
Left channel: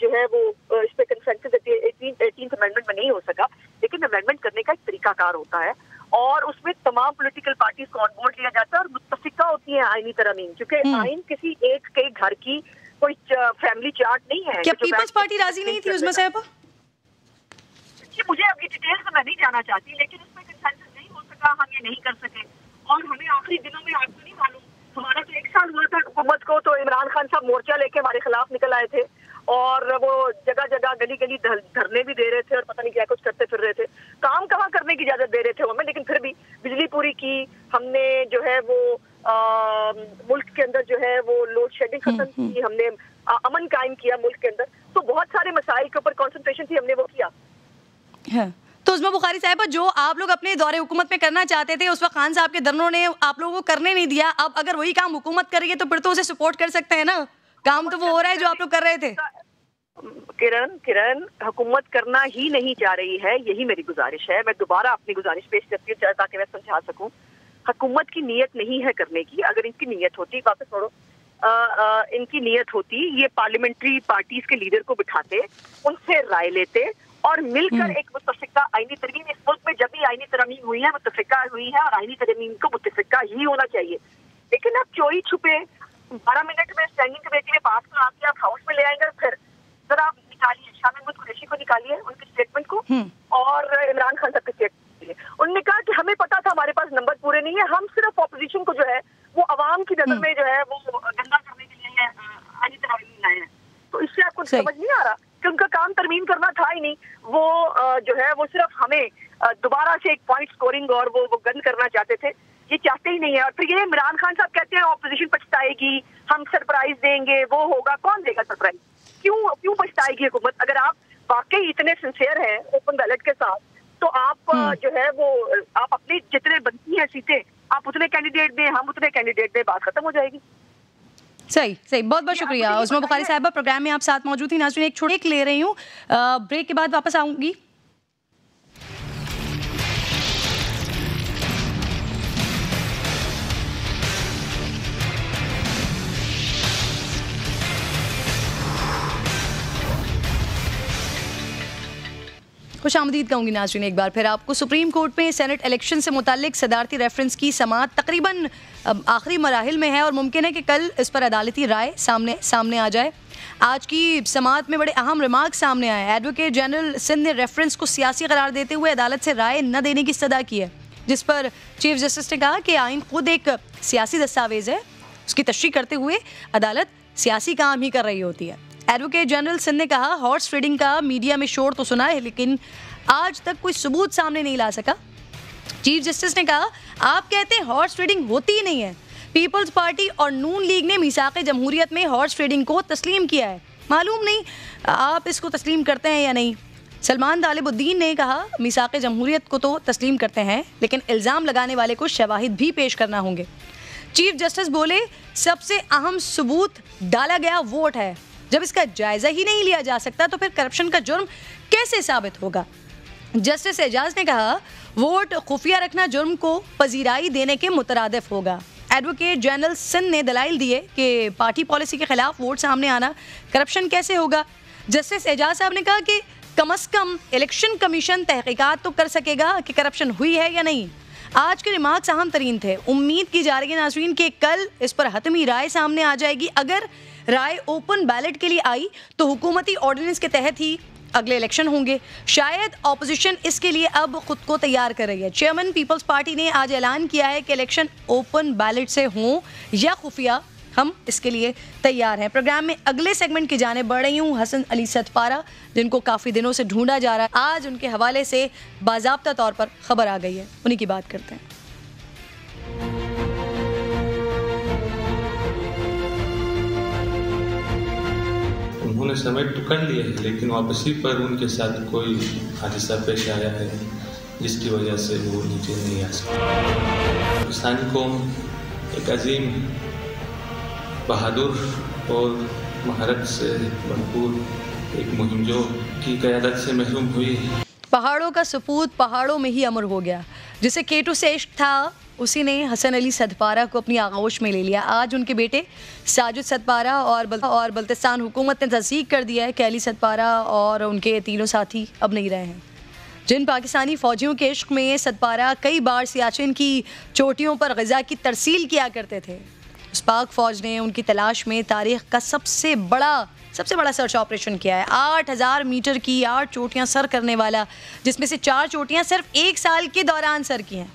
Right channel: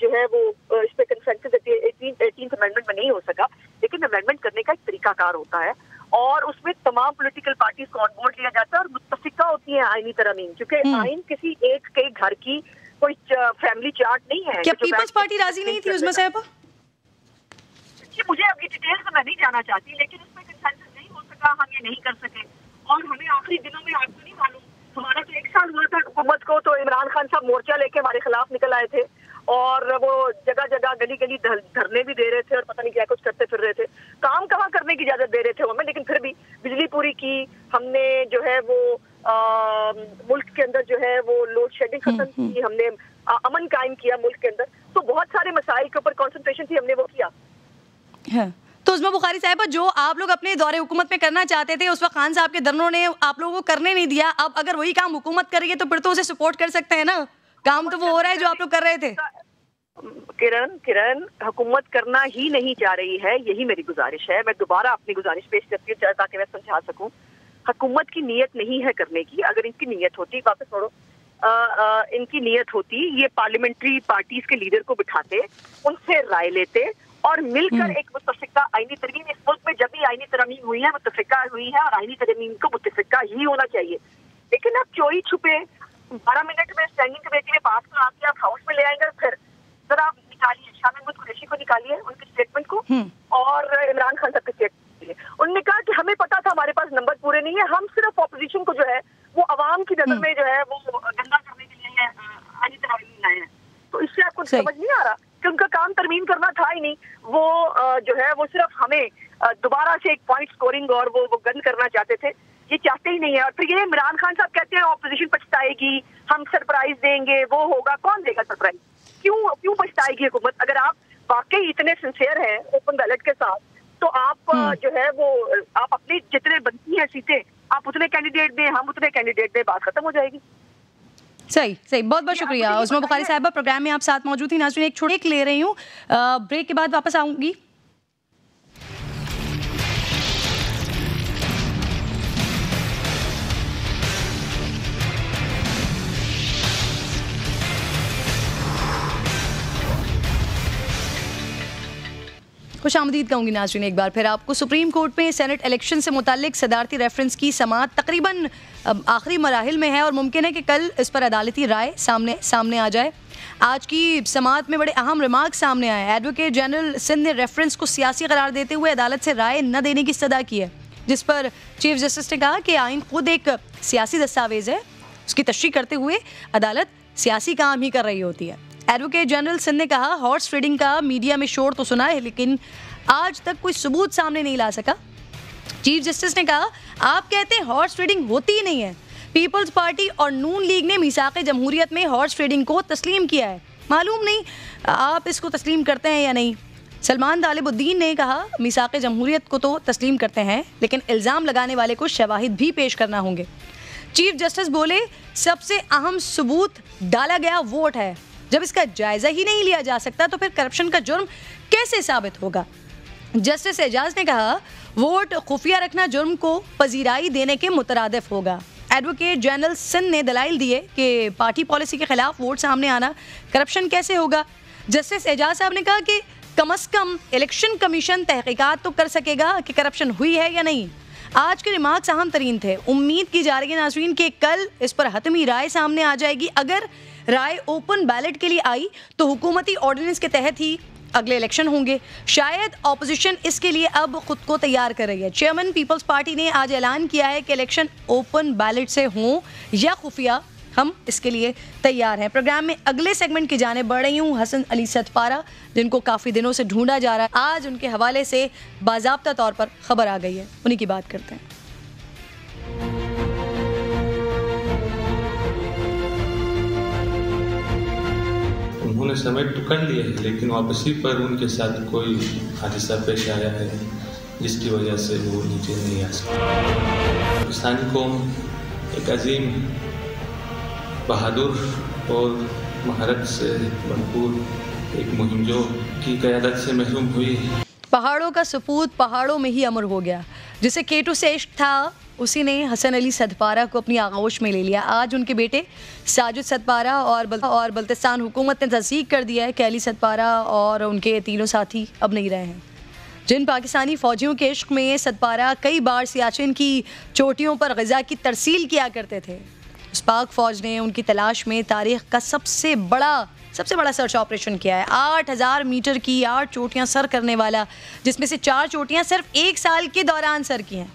جو ہے وہ اس پہ کنسنسس 18th امینڈمنٹ میں نہیں ہو سکا. لیکن امینڈمنٹ کرنے کا ایک طریقہ کار ہوتا ہے, اور اس میں تمام پولیٹیکل پارٹیز کو آن بورڈ لیا جاتا ہے اور متفقہ ہوتی ہیں آئینی ترامیم, کیونکہ آئین کسی ایک کے گھر کی کوئی فیملی چارٹ نہیں ہے. کیا پیپلز پارٹی راضی نہیں تھی عظمیٰ صاحبہ؟ مجھے ابھی ڈیٹیلز میں نہیں جانا چاہتی, لیکن اس میں کنسنسس نہیں ہو سکا, ہم یہ نہیں کر سکے. اور ہمیں آخری دنوں میں, آپ کو نہیں معلوم, ہمارا تو 1 سال ہوا تھا حکومت کو, تو عمران خان صاحب مورچہ لے کے ہمارے خلاف نکل آئے تھے, اور وہ جگہ جگہ گلی گلی دھرنے بھی دے رہے تھے, اور پتہ نہیں کیا کچھ کرتے پھر رہے تھے. کام کہاں کرنے کی اجازت دے رہے تھے ہمیں, لیکن پھر بھی بجلی پوری کی ہم نے, جو ہے وہ ملک کے اندر جو ہے وہ لوڈ شیڈنگ ختم کی, ہم نے امن قائم کیا ملک کے اندر. تو بہت سارے مسائل کے اوپر کانسنٹریشن تھی, ہم نے وہ کیا. تو عظمیٰ بخاری صاحبہ, جو آپ لوگ اپنے دور حکومت میں کرنا چاہتے تھے اس وقت خان صاحب کے درنوں نے آپ لوگوں کو کرنے نہیں دیا. اب اگر وہی کام حکومت کرے گی تو پھر تو اسے سپورٹ کر سکتے ہیں نا. کام تو وہ ہو رہا ہے جو آپ لوگ کر رہے تھے. کرن حکومت کرنا ہی نہیں چاہ رہی ہے, یہی میری گزارش ہے. میں دوبارہ اپنی گزارش پیش کرتی ہوں تاکہ میں سمجھا سکوں. حکومت کی نیت نہیں ہے کرنے کی. اگر ان کی نیت ہوتی, واپس چھوڑو, ان کی نیت ہوتی, یہ پارلیمنٹری پارٹیز کے لیڈر کو بٹھاتے, ان سے رائے لیتے, اور مل کر ایک متفقہ آئینی ترمیم. اس ملک میں جب بھی آئینی ترمیم ہوئی ہے متفقہ ہوئی ہے, اور آئینی ترمیم کو متفقہ ہی ہونا چاہیے. لیکن اب چوری چھپے 12 منٹ میں اسٹینڈنگ کمیٹی میں پاس کرا کے آپ ہاؤس میں لے آئیں گے. پھر ذرا آپ نکالیے شاہ محمود قریشی کو, نکالیے ان کی اسٹیٹمنٹ کو, اور عمران خان صاحب کی اسٹیٹمنٹ. انہوں نے کہا کہ ہمیں پتا تھا ہمارے پاس نمبر پورے نہیں ہے, ہم صرف اپوزیشن کو جو ہے وہ عوام کی نظر میں جو ہے وہ گندا کرنے کے لیے آئینی ترمیم لائے ہیں. تو اس سے آپ کو سمجھ نہیں آ رہا کہ ان کا کام ترمیم کرنا تھا ہی نہیں. وہ جو ہے وہ صرف ہمیں دوبارہ سے ایک پوائنٹ سکورنگ اور وہ گند کرنا چاہتے تھے. یہ چاہتے ہی نہیں ہے. اور پھر یہ عمران خان صاحب کہتے ہیں اپوزیشن پچھتائے گی, ہم سرپرائز دیں گے, وہ ہوگا. کون دے گا سرپرائز؟ کیوں پچھتائے گی حکومت؟ اگر آپ واقعی اتنے سنسیئر ہیں اوپن بیلٹ کے ساتھ, تو آپ جو ہے وہ آپ اپنی جتنے بنتی ہیں سیٹیں آپ اتنے کینڈیڈیٹ دیں, ہم اتنے کینڈیڈیٹ دیں, بات ختم ہو جائے گی. صحیح. بہت بہت شکریہ عظمیٰ بخاری صاحبہ, پروگرام میں آپ ساتھ موجود تھی. ناظرین, ایک چھوٹی لے رہی ہوں, بریک کے بعد واپس آؤں گی. خوش آمدید کہوں گی ناظرین ایک بار پھر آپ کو. سپریم کورٹ میں سینٹ الیکشن سے متعلق صدارتی ریفرنس کی سماعت تقریباً آخری مراحل میں ہے, اور ممکن ہے کہ کل اس پر عدالتی رائے سامنے آ جائے. آج کی سماعت میں بڑے اہم ریمارک سامنے آئے. ایڈوکیٹ جنرل سندھ نے ریفرنس کو سیاسی قرار دیتے ہوئے عدالت سے رائے نہ دینے کی استدعا کی ہے, جس پر چیف جسٹس نے کہا کہ آئین خود ایک سیاسی دستاویز ہے. اس کی تشریح کرتے ہوئے عدالت سیاسی کام ہی کر رہی ہوتی ہے. ایڈوکیٹ جنرل سندھ نے کہا ہارس فیڈنگ کا میڈیا میں شور تو سنا ہے, لیکن آج تک کوئی ثبوت سامنے نہیں لا سکا. چیف جسٹس نے کہا آپ کہتے ہیں ہارس فیڈنگ ہوتی ہی نہیں ہے. پیپلز پارٹی اور نون لیگ نے میثاق جمہوریت میں ہارس فیڈنگ کو تسلیم کیا ہے. معلوم نہیں آپ اس کو تسلیم کرتے ہیں یا نہیں. سلمان طالب الدین نے کہا میثاق جمہوریت کو تو تسلیم کرتے ہیں, لیکن الزام لگانے والے کو شواہد بھی پیش کرنا ہوں گے. چیف جسٹس بولے سب سے اہم ثبوت ڈالا گیا ووٹ ہے. جب اس کا جائزہ ہی نہیں لیا جا سکتا تو پھر کرپشن کا جرم کیسے ثابت ہوگا. جسٹس اعجاز نے کہا ووٹ خفیہ رکھنا جرم کو پذیرائی دینے کے مترادف ہوگا. ایڈوکیٹ جنرل سندھ نے دلائل دیے کہ پارٹی پالیسی کے خلاف ووٹ سامنے آنا کرپشن کیسے ہوگا. جسٹس اعجاز صاحب نے کہا کہ کم از کم الیکشن کمیشن تحقیقات تو کر سکے گا کہ کرپشن ہوئی ہے یا نہیں. آج کے ریمارکس اہم ترین تھے. امید کی جا رہی ہے ناظرین کہ کل اس پر حتمی رائے سامنے آ جائے گی. اگر رائے اوپن بیلٹ کے لیے آئی تو حکومتی آرڈیننس کے تحت ہی اگلے الیکشن ہوں گے. شاید اپوزیشن اس کے لیے اب خود کو تیار کر رہی ہے. چیئرمین پیپلز پارٹی نے آج اعلان کیا ہے کہ الیکشن اوپن بیلٹ سے ہوں یا خفیہ، ہم اس کے لیے تیار ہیں. پروگرام میں اگلے سیگمنٹ کی جانب بڑھ رہی ہوں حسن علی ستپارہ، جن کو کافی دنوں سے ڈھونڈا جا رہا ہے. آج ان کے حوالے سے باضابطہ طور پر خبر آ گئی ہے، انہی کی بات کرتے ہیں. انہوں نے سبمٹ تو کر لیا ہے لیکن واپسی پر ان کے ساتھ کوئی حادثہ پیش آیا ہے جس کی وجہ سے وہ نیچے نہیں آ سکتے. پاکستانی قوم ایک عظیم، بہادر اور مہارت سے بھرپور ایک مہم جو کی قیادت سے محروم ہوئی. پہاڑوں کا سپوت پہاڑوں میں ہی امر ہو گیا. جسے کیٹو سے عشق تھا اسی نے حسن علی ستپارہ کو اپنی آغوش میں لے لیا. آج ان کے بیٹے ساجد ستپارہ اور بلتستان حکومت نے تصدیق کر دیا ہے کہ علی ستپارہ اور ان کے تینوں ساتھی اب نہیں رہے ہیں. جن پاکستانی فوجیوں کے عشق میں ستپارہ کئی بار سیاچن کی چوٹیوں پر غذا کی ترسیل کیا کرتے تھے، اس پاک فوج نے ان کی تلاش میں تاریخ کا سب سے بڑا سرچ آپریشن کیا ہے. 8000 میٹر کی 8 چوٹیاں سر کرنے والا، جس میں سے 4 چوٹیاں صرف 1 سال کے دوران سر کی ہیں.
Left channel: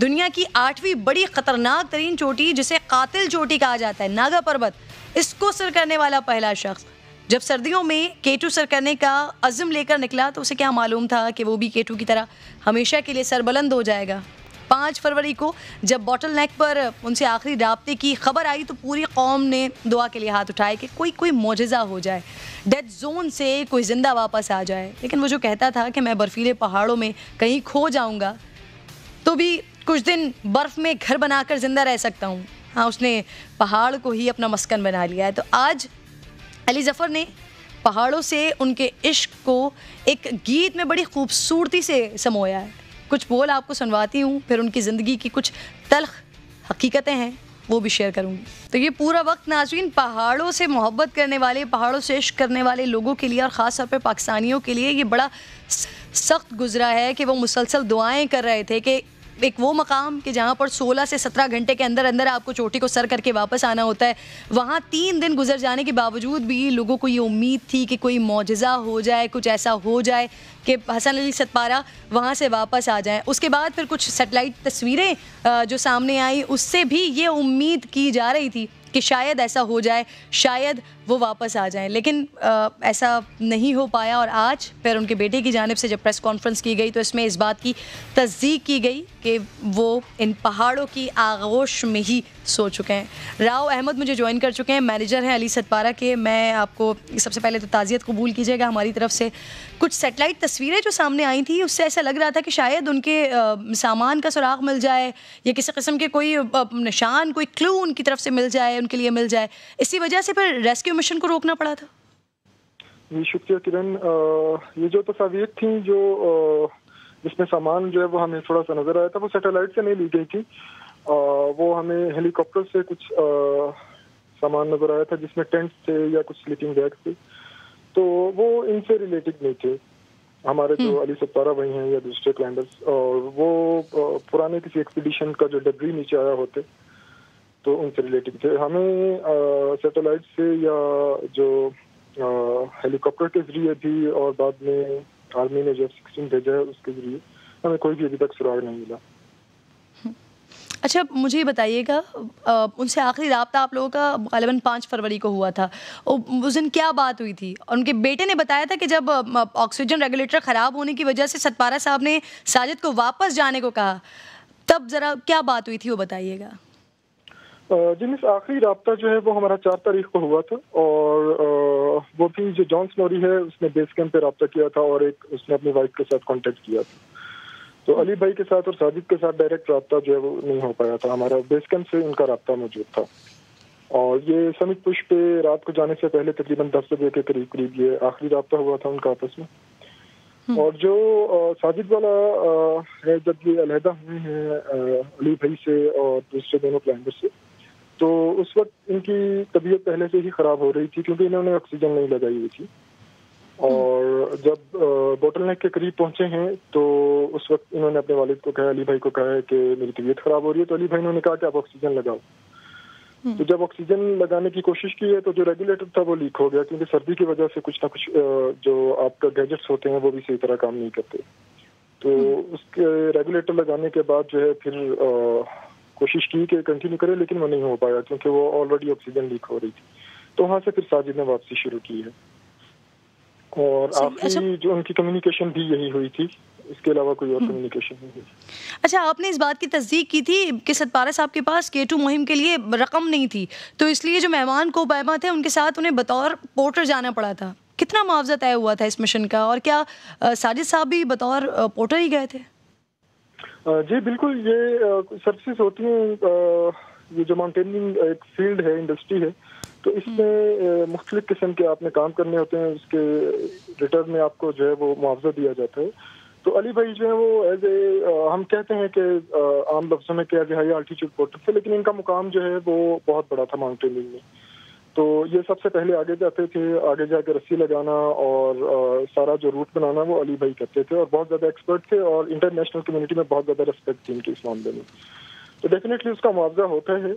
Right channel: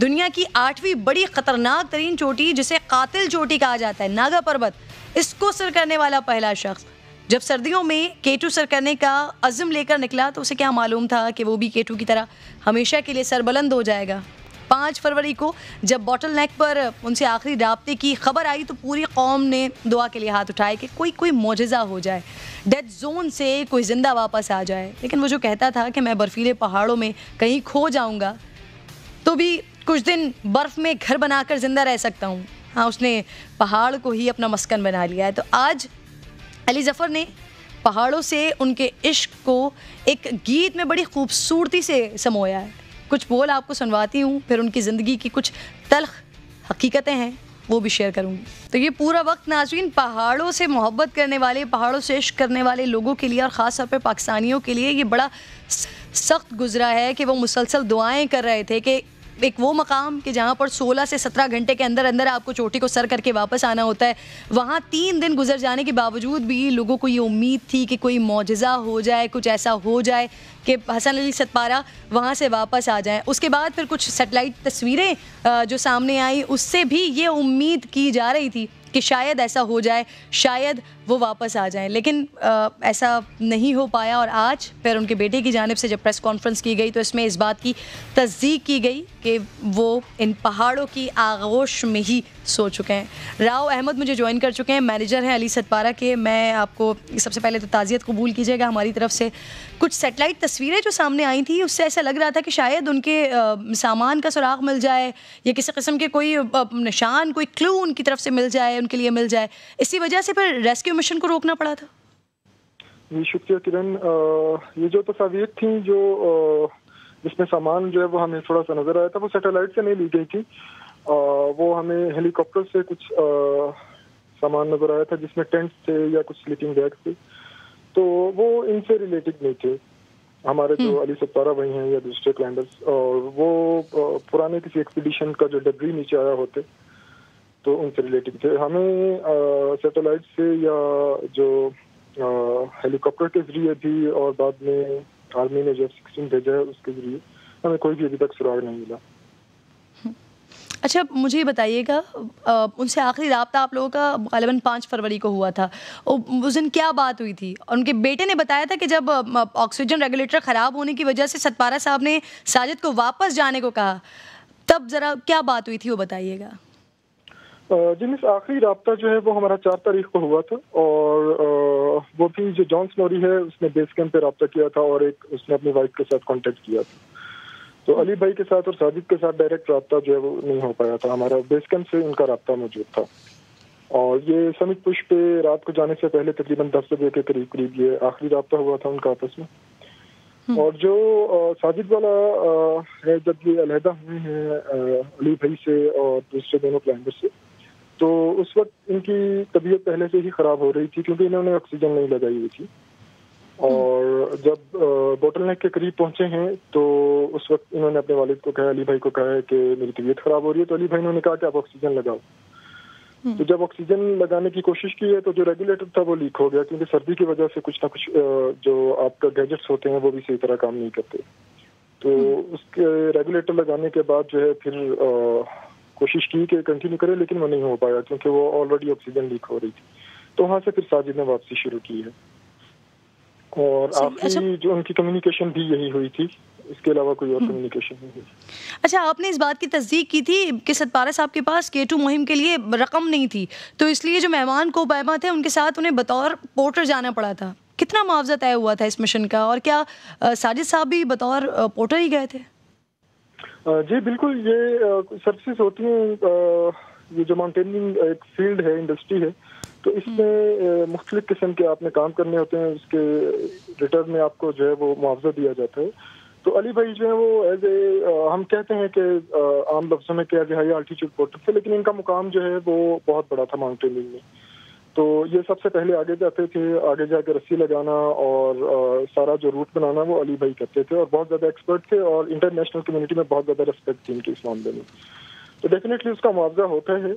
دنیا کی 8ویں بڑی خطرناک ترین چوٹی جسے قاتل چوٹی کہا جاتا ہے، ناگا پربت، اس کو سر کرنے والا پہلا شخص. جب سردیوں میں کیٹو سر کرنے کا عزم لے کر نکلا تو اسے کیا معلوم تھا کہ وہ بھی کیٹو کی طرح ہمیشہ کے لیے سربلند ہو جائے گا. 5 فروری کو جب باٹل نیک پر ان سے آخری رابطے کی خبر آئی تو پوری قوم نے دعا کے لیے ہاتھ اٹھائے کہ کوئی معجزہ ہو جائے، ڈیتھ زون سے کوئی زندہ واپس آ جائے. لیکن وہ جو کہتا تھا کہ میں برفیلے پہاڑوں میں کہیں کھو جاؤں گا تو بھی کچھ دن برف میں گھر بنا کر زندہ رہ سکتا ہوں، ہاں اس نے پہاڑ کو ہی اپنا مسکن بنا لیا ہے. تو آج علی ظفر نے پہاڑوں سے ان کے عشق کو ایک گیت میں بڑی خوبصورتی سے سمویا ہے. کچھ بول آپ کو سنواتی ہوں، پھر ان کی زندگی کی کچھ تلخ حقیقتیں ہیں وہ بھی شیئر کروں گی. تو یہ پورا وقت ناظرین پہاڑوں سے محبت کرنے والے، پہاڑوں سے عشق کرنے والے لوگوں کے لیے اور خاص طور پہ پاکستانیوں کے لیے یہ بڑا سخت گزرا ہے کہ وہ مسلسل دعائیں کر رہے تھے کہ ایک وہ مقام کہ جہاں پر 16 سے 17 گھنٹے کے اندر آپ کو چوٹی کو سر کر کے واپس آنا ہوتا ہے، وہاں 3 دن گزر جانے کے باوجود بھی لوگوں کو یہ امید تھی کہ کوئی معجزہ ہو جائے، کچھ ایسا ہو جائے کہ حسن علی ستپارہ وہاں سے واپس آ جائیں. اس کے بعد پھر کچھ سیٹلائٹ تصویریں جو سامنے آئیں اس سے بھی یہ امید کی جا رہی تھی کہ شاید ایسا ہو جائے، شاید وہ واپس آ جائیں. لیکن ایسا نہیں ہو پایا اور آج پھر ان کے بیٹے کی جانب سے جب پریس کانفرنس کی گئی تو اس میں اس بات کی تصدیق کی گئی کہ وہ ان پہاڑوں کی آغوش میں ہی سو چکے ہیں. راؤ احمد مجھے جوائن کر چکے ہیں، مینیجر ہیں علی ستپارہ کے. میں آپ کو سب سے پہلے تو تعزیت قبول کیجیے گا ہماری طرف سے. کچھ سیٹلائٹ تصویریں جو سامنے آئی تھیں اس سے ایسا لگ رہا تھا کہ شاید ان کے سامان کا سراغ مل جائے یا کسی قسم کے کوئی نشان، کوئی کلو ان کی طرف سے مل جائے، ان کے لیے مل جائے. اسی وجہ سے پھر ریسکیو مشن کو روکنا پڑا تھا. جی شکریہ کرن. یہ جو تصاویر تھیں جو جس میں سامان جو ہے وہ ہمیں تھوڑا سا نظر آیا تھا وہ سیٹلائٹ سے نہیں لی گئی تھی، وہ ہمیں ہیلی کاپٹر سے کچھ سامان نظر آیا تھا جس میں ٹینٹ تھے یا کچھ سلیپنگ بیگ تھے، تو وہ ان سے ریلیٹڈ نہیں تھے. ہمارے جو علی ستپارہ بھائی ہیں یا دوسرے کلائمبرز، اور وہ پرانے کسی ایکسپیڈیشن کا جو ڈبری نیچے آیا ہوتے تو ان سے ریلیٹڈ تھے. ہمیں سیٹلائٹ سے یا جو ہیلی کاپٹر کے ذریعے بھی اور بعد میں آرمی نے جو 16 بھیجا ہے اس کے ذریعے ہمیں کوئی بھی ابھی تک سراغ نہیں ملا. اچھا مجھے یہ بتائیے گا، ان سے آخری رابطہ آپ لوگوں کا غالباً 5 فروری کو ہوا تھا، اس دن کیا بات ہوئی تھی؟ اور ان کے بیٹے نے بتایا تھا کہ جب آکسیجن ریگولیٹر خراب ہونے کی وجہ سے ستپارہ صاحب نے ساجد کو واپس جانے کو کہا، تب ذرا کیا بات ہوئی تھی وہ بتائیے گا. جی مس، آخری رابطہ جو ہے وہ ہمارا 4 تاریخ کو ہوا تھا، اور وہ بھی جو جان سنوری ہے اس نے بیس کیمپ پہ رابطہ کیا تھا اور ایک اس نے اپنی وائف کے ساتھ کانٹیکٹ کیا تھا. تو علی بھائی کے ساتھ اور ساجد کے ساتھ ڈائریکٹ رابطہ جو ہے وہ نہیں ہو پایا تھا. ہمارا بیس کیمپ سے ان کا رابطہ موجود تھا، اور یہ سمت پش پہ رات کو جانے سے پہلے تقریباً 10 بجے کے قریب یہ آخری رابطہ ہوا تھا ان کا آپس میں. اور جو ساجد والا ہے، جب یہ علیحدہ ہوئے ہیں علی بھائی سے اور دوسرے دونوں کلائمبر سے، تو اس وقت ان کی طبیعت پہلے سے ہی خراب ہو رہی تھی کیونکہ انہوں نے آکسیجن نہیں لگائی ہوئی تھی. اور جب بوٹل نیک کے قریب پہنچے ہیں تو اس وقت انہوں نے اپنے والد کو کہا, علی بھائی کو کہا ہے کہ میری طبیعت خراب ہو رہی ہے. تو علی بھائی نے کہا کہ آپ آکسیجن لگاؤ. تو جب آکسیجن لگانے کی کوشش کی ہے تو جو ریگولیٹر تھا وہ لیک ہو گیا, کیونکہ سردی کی وجہ سے کچھ نہ کچھ جو آپ کا گیجٹس ہوتے ہیں وہ بھی صحیح طرح کام نہیں کرتے. تو اس کے ریگولیٹر لگانے کے بعد جو ہے پھر کوشش کی کہ کنٹینیو کرے, لیکن وہ نہیں ہو پایا کیونکہ وہ آلریڈی آکسیجن لیک ہو رہی تھی. تو وہاں سے پھر ساجد نے واپسی شروع کی ہے, اور آخری جو ان کی کمیونیکیشن بھی یہی ہوئی تھی, اس کے علاوہ کوئی اور کمیونیکیشن نہیں ہوئی. اچھا, آپ نے اس بات کی تصدیق کی تھی کہ ستپارہ صاحب کے پاس K2 مہم کے لیے رقم نہیں تھی, تو اس لیے جو مہمان کو بائبہ تھے ان کے ساتھ انہیں بطور پورٹر جانا پڑا تھا. کتنا معاوضہ طے ہوا تھا اس مشن کا, اور کیا ساجد صاحب بھی بطور پورٹر ہی گئے تھے؟ جی بالکل, یہ سروسز ہوتی ہیں, یہ جو ماؤنٹیننگ ایک فیلڈ ہے, انڈسٹری ہے, تو اس میں مختلف قسم کے آپ نے کام کرنے ہوتے ہیں, اس کے ریٹرن میں آپ کو جو ہے وہ معاوضہ دیا جاتا ہے. تو علی بھائی جو ہے وہ ایز اے ہم کہتے ہیں کہ عام لفظوں میں کہ as a high altitude porter تھے, لیکن ان کا مقام جو ہے وہ بہت بڑا تھا ماؤنٹیننگ میں. تو یہ سب سے پہلے آگے جاتے تھے, آگے جا کے رسی لگانا اور سارا جو روٹ بنانا وہ علی بھائی کرتے تھے, اور بہت زیادہ ایکسپرٹ تھے, اور انٹرنیشنل کمیونٹی میں بہت زیادہ ریسپیکٹ تھی ان کے اس معاملے میں. تو ڈیفینیٹلی اس کا معاوضہ ہوتا ہے,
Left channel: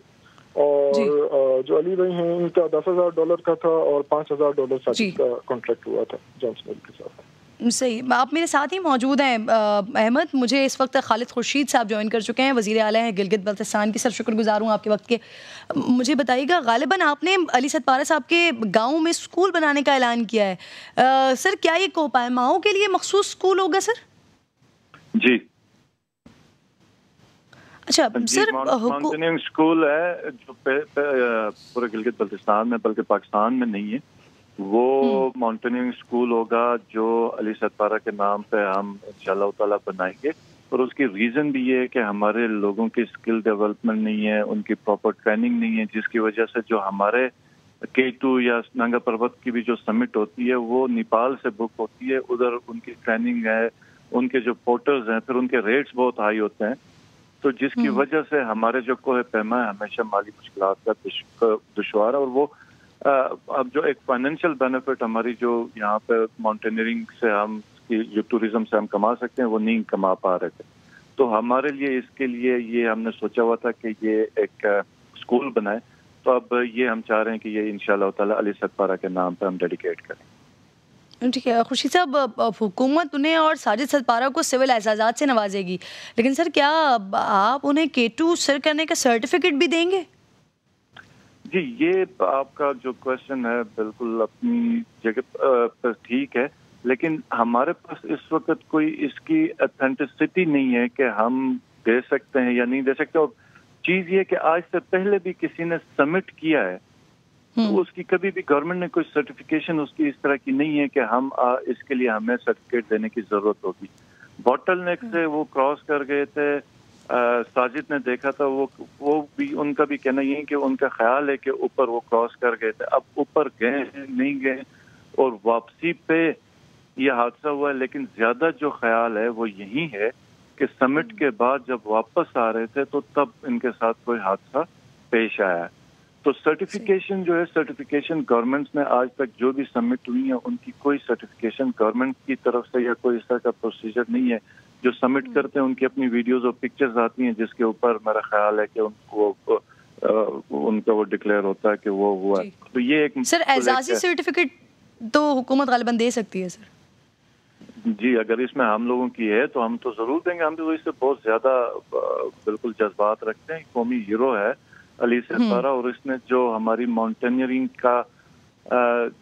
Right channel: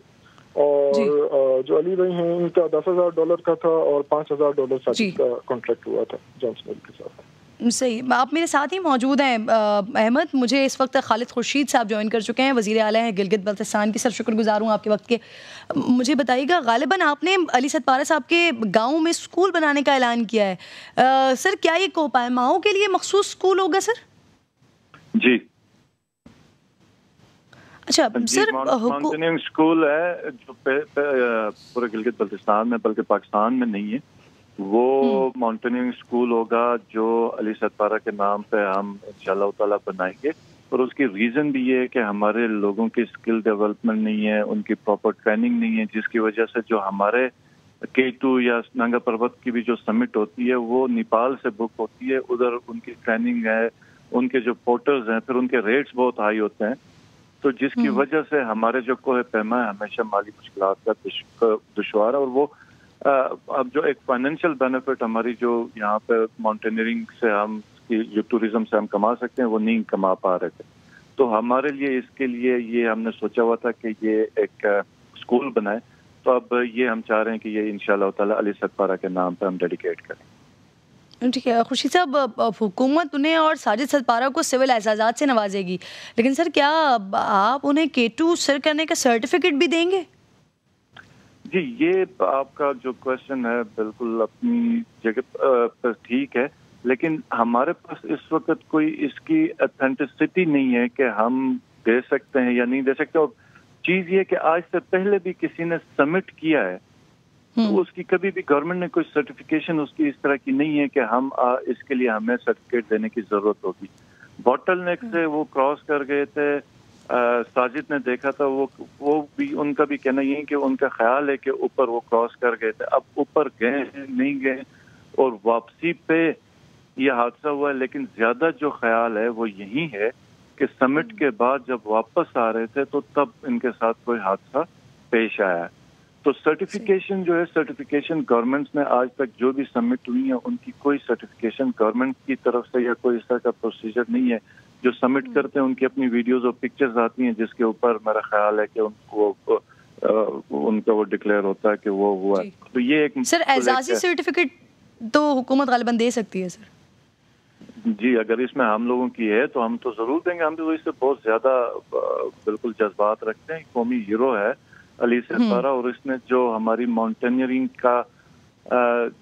اور جو علی بھائی ہیں ان کا $10,000 کا تھا, اور $5,000 ساجد کا کانٹریکٹ ہوا تھا جانسن کے ساتھ. صحیح. آپ میرے ساتھ ہی موجود ہیں احمد. مجھے اس وقت خالد خورشید صاحب جوائن کر چکے ہیں, وزیر اعلیٰ ہیں گلگت بلتستان کی. سر شکر گزار ہوں آپ کے وقت کے. مجھے بتائیے گا, غالباً آپ نے علی ستپارہ صاحب کے گاؤں میں اسکول بنانے کا اعلان کیا ہے. سر کیا یہ کوپائماؤں کے لیے مخصوص اسکول ہوگا سر؟ جی اچھا سر, ماؤنٹیننگ اسکول ہے جو پورے گلگت بلتستان میں بلکہ پاکستان میں نہیں ہے. وہ ماؤنٹیننگ اسکول ہوگا جو علی ستپارہ کے نام پہ ہم انشاءاللہ تعالیٰ بنائیں گے. اور اس کی ریزن بھی یہ ہے کہ ہمارے لوگوں کی اسکل ڈیولپمنٹ نہیں ہے, ان کی پراپر ٹریننگ نہیں ہے, جس کی وجہ سے جو ہمارے K2 یا ننگا پروت کی بھی جو سمٹ ہوتی ہے وہ نیپال سے بک ہوتی ہے. ادھر ان کی ٹریننگ ہے, ان کے جو پورٹرز ہیں, پھر ان کے ریٹس بہت ہائی ہوتے ہیں. تو جس کی وجہ سے ہمارے جو کوہ پیما ہے ہمیشہ مالی مشکلات کا دشوار ہے. اور وہ اب جو ایک فائنینشیل بینیفٹ ہماری جو یہاں پہ ماؤنٹینئرنگ سے ہم جو ٹوریزم سے ہم کما سکتے ہیں وہ نہیں کما پا رہے تھے. تو ہمارے لیے اس کے لیے یہ ہم نے سوچا ہوا تھا کہ یہ ایک اسکول بنائے. تو اب یہ ہم چاہ رہے ہیں کہ یہ انشاءاللہ تعالیٰ علی ستپارہ کے نام پہ ہم ڈیڈیکیٹ کریں. ٹھیک ہے خورشید صاحب, حکومت انہیں اور ساجد ستپارہ کو سول اعزازات سے نوازے گی, لیکن سر کیا آپ انہیں K2 سر کرنے کا سرٹیفکیٹ بھی دیں گے؟ جی یہ آپ کا جو کوشچن ہے بالکل اپنی جگہ پر ٹھیک ہے, لیکن ہمارے پاس اس وقت کوئی اس کی اتھینٹسٹی نہیں ہے کہ ہم دے سکتے ہیں یا نہیں دے سکتے. اور چیز یہ کہ آج سے پہلے بھی کسی نے سبمٹ کیا ہے, تو اس کی کبھی بھی گورنمنٹ نے کوئی سرٹیفکیشن اس کی اس طرح کی نہیں ہے کہ ہم اس کے لیے ہمیں سرٹیفکیٹ دینے کی ضرورت ہوگی. بوٹل نیک سے وہ کراس کر گئے تھے, ساجد نے دیکھا تھا, وہ بھی ان کا بھی کہنا یہ کہ ان کا خیال ہے کہ اوپر وہ کراس کر گئے تھے. اب اوپر گئے نہیں گئے, اور واپسی پہ یہ حادثہ ہوا ہے. لیکن زیادہ جو خیال ہے وہ یہی ہے کہ سمٹ کے بعد جب واپس آ رہے تھے تو تب ان کے ساتھ کوئی حادثہ پیش آیا ہے. تو سرٹیفکیشن جو ہے, سرٹیفکیشن گورنمنٹ نے آج تک جو بھی سبمٹ ہوئی ہیں ان کی کوئی سرٹیفکیشن گورنمنٹ کی طرف سے یا کوئی اس طرح کا پروسیجر نہیں ہے. جو سبمٹ کرتے ہیں ان کی اپنی ویڈیوز اور پکچرز آتی ہیں جس کے اوپر میرا خیال ہے کہ ان کا وہ ڈکلیئر ہوتا ہے کہ وہ ہوا ہے. تو یہ ایک سر اعزازی سرٹیفکیٹ تو حکومت غالباً دے سکتی ہے سر. جی اگر اس میں ہم لوگوں کی ہے تو ہم تو ضرور دیں گے. ہم تو اس سے بہت زیادہ بالکل جذبات رکھتے ہیں. قومی ہیرو ہے علی ستپارہ, اور اس نے جو ہماری ماؤنٹینئرنگ کا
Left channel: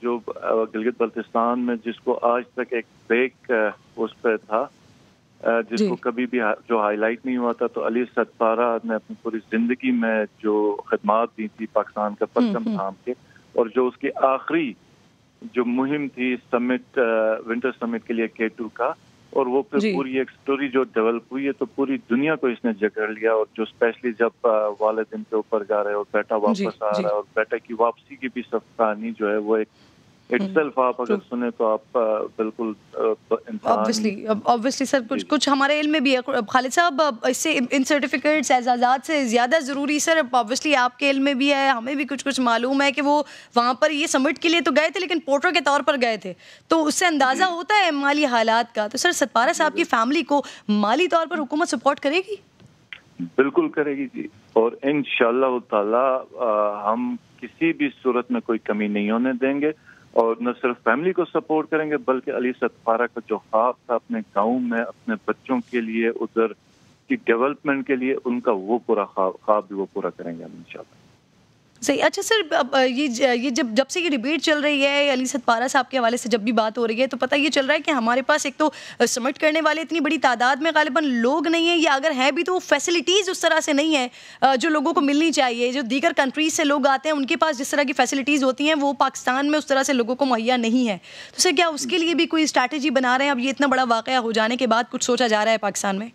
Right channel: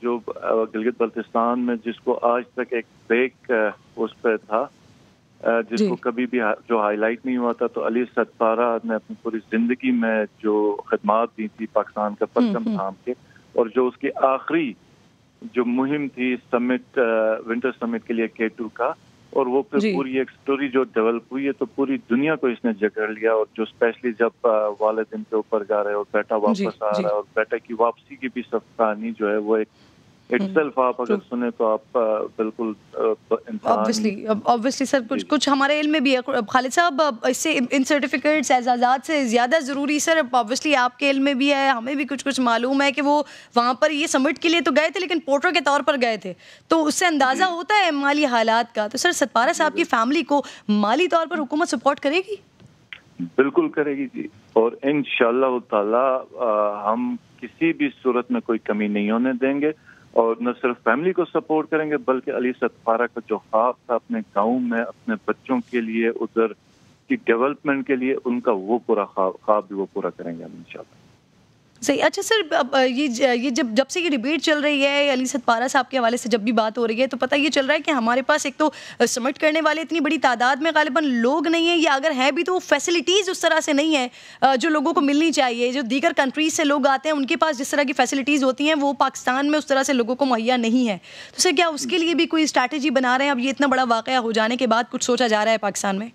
جو گلگت بلتستان میں جس کو آج تک ایک بریک اس پہ تھا, جس کو کبھی بھی جو ہائی لائٹ نہیں ہوا تھا, تو علی ستپارہ نے اپنی پوری زندگی میں جو خدمات دی تھی پاکستان کا پرچم تھام کے, اور جو اس کی آخری جو مہم تھی سمٹ ونٹر سمٹ کے لیے K2 کا, اور وہ پھر پوری ایک سٹوری جو ڈیولپ ہوئی ہے تو پوری دنیا کو اس نے جکڑ لیا. اور جو اسپیشلی جب والد ان کے اوپر جا رہے اور بیٹا واپس آ رہا ہے, اور بیٹا کی واپسی کی بھی سب کہانی جو ہے وہ ایک itself आप अगर सुने तो आप बिल्कुल ऑब्वियसली सर कुछ हमारे इल्म में भी है खालिद साहब, इससे इन सर्टिफिकेट्स एजाज़ात से ज़्यादा ज़रूरी सर ऑब्वियसली आपके इल्म में भी है, हमें भी कुछ मालूम है कि वो वहाँ पर ये समिट के लिए तो गए थे लेकिन पोर्टर के तौर पर गए थे, तो उससे अंदाज़ा होता है माली हालात का। तो सर सतपारा साहब की फैमिली को माली तौर पर हुकूमत सपोर्ट करेगी? बिल्कुल करेगी जी, और इंशाअल्लाह ताला हम किसी भी सूरत में कोई कमी नहीं होने देंगे, और न सिर्फ फैमिली को सपोर्ट करेंगे बल्कि अली सतपारा का जो ख्वाब था अपने गांव में अपने बच्चों के लिए, उधर की डेवलपमेंट के लिए, उनका वो पूरा ख्वाब भी वो पूरा करेंगे हम इंशाल्लाह। सही। अच्छा सर, ये जब से ये डिबेट चल रही है अली सतपारा साहब के हवाले से जब भी बात हो रही है तो पता ये चल रहा है कि हमारे पास एक तो समिट करने वाले इतनी बड़ी तादाद में गालिबन लोग नहीं है, या अगर हैं भी तो वो फैसिलिटीज़ उस तरह से नहीं है जो लोगों को मिलनी चाहिए। जो दीगर कंट्रीज से लोग आते हैं उनके पास जिस तरह की फैसिलिटीज़ होती हैं वो पाकिस्तान में उस तरह से लोगों को मुहैया नहीं है। तो सर क्या उसके लिए भी कोई स्ट्रैटेजी बना रहे हैं? अब ये इतना बड़ा वाक़या हो जाने के बाद कुछ सोचा जा रहा है पाकिस्तान में?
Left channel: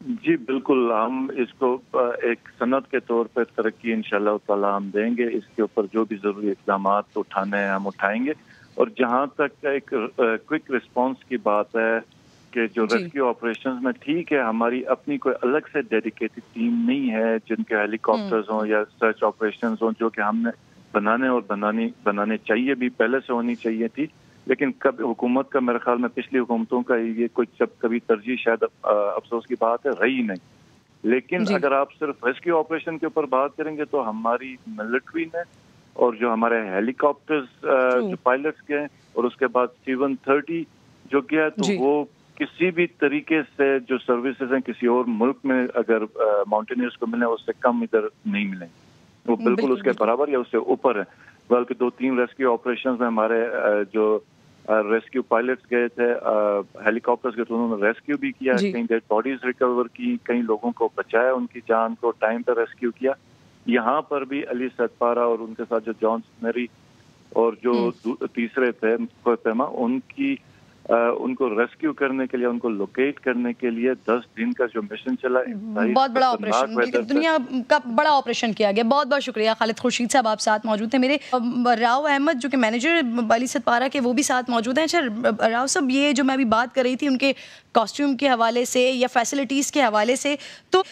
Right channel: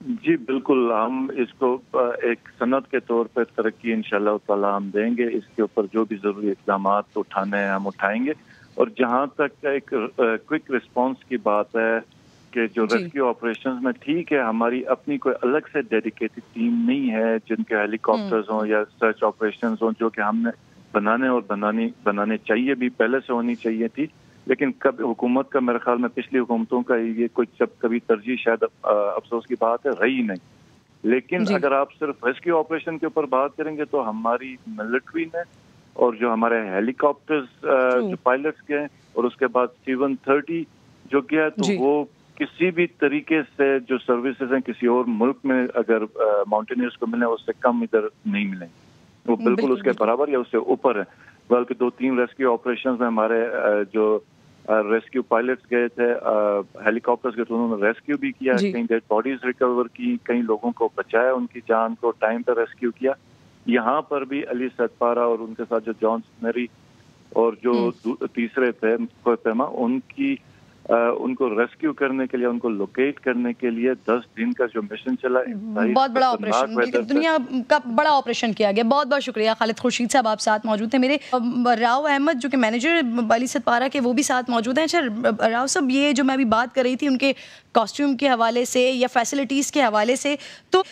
जी बिल्कुल, हम इसको एक सनत के तौर पर तरक्की इंशाअल्लाह ताला हम देंगे। इसके ऊपर जो भी जरूरी इक़दाम उठाने हैं हम उठाएंगे। और जहाँ तक एक क्विक रिस्पांस की बात है कि जो रेस्क्यू ऑपरेशंस में, ठीक है हमारी अपनी कोई अलग से डेडिकेटेड टीम नहीं है जिनके हेलीकॉप्टर्स हों या सर्च ऑपरेशंस हों, जो कि हमने बनाने चाहिए भी, पहले से होनी चाहिए थी, लेकिन कब हुकूमत का मेरे ख्याल में पिछली हुकूमतों का ये कोई कभी तरजीह शायद अफसोस की बात है रही नहीं। लेकिन अगर आप सिर्फ रेस्क्यू ऑपरेशन के ऊपर बात करेंगे तो हमारी मिलिट्री ने और जो हमारे हेलीकॉप्टर्स जो पायलट्स के हैं और उसके बाद C-130 जो किया, तो वो किसी भी तरीके से जो सर्विसेज हैं किसी और मुल्क में अगर माउंटेनियर्स को मिले उससे कम इधर नहीं मिलेंगे, वो बिल्कुल उसके बराबर या उससे ऊपर है। बल्कि 2-3 रेस्क्यू ऑपरेशंस में हमारे जो रेस्क्यू पायलट्स गए थे हेलीकॉप्टर्स के, तो उन्होंने रेस्क्यू भी किया, कई डेड बॉडीज रिकवर की, कई लोगों को बचाया, उनकी जान को टाइम पर रेस्क्यू किया। यहाँ पर भी अली सतपारा और उनके साथ जो जॉन मेरी और जो तीसरे थे पैमा, उनको रेस्क्यू करने के लिए, उनको लोकेट करने के लिए 10 दिन का जो मिशन चला, बहुत बड़ा ऑपरेशन, दुनिया का बड़ा ऑपरेशन किया गया। बहुत बहुत शुक्रिया। खालिद खुर्शीद साहब आप साथ मौजूद थे। मेरे राव अहमद जो कि मैनेजर अली सतपारा के, वो भी साथ मौजूद हैं। अच्छा राव साहब, ये जो मैं अभी बात कर रही थी उनके कॉस्ट्यूम के हवाले से या फैसिलिटीज़ के हवाले से, तो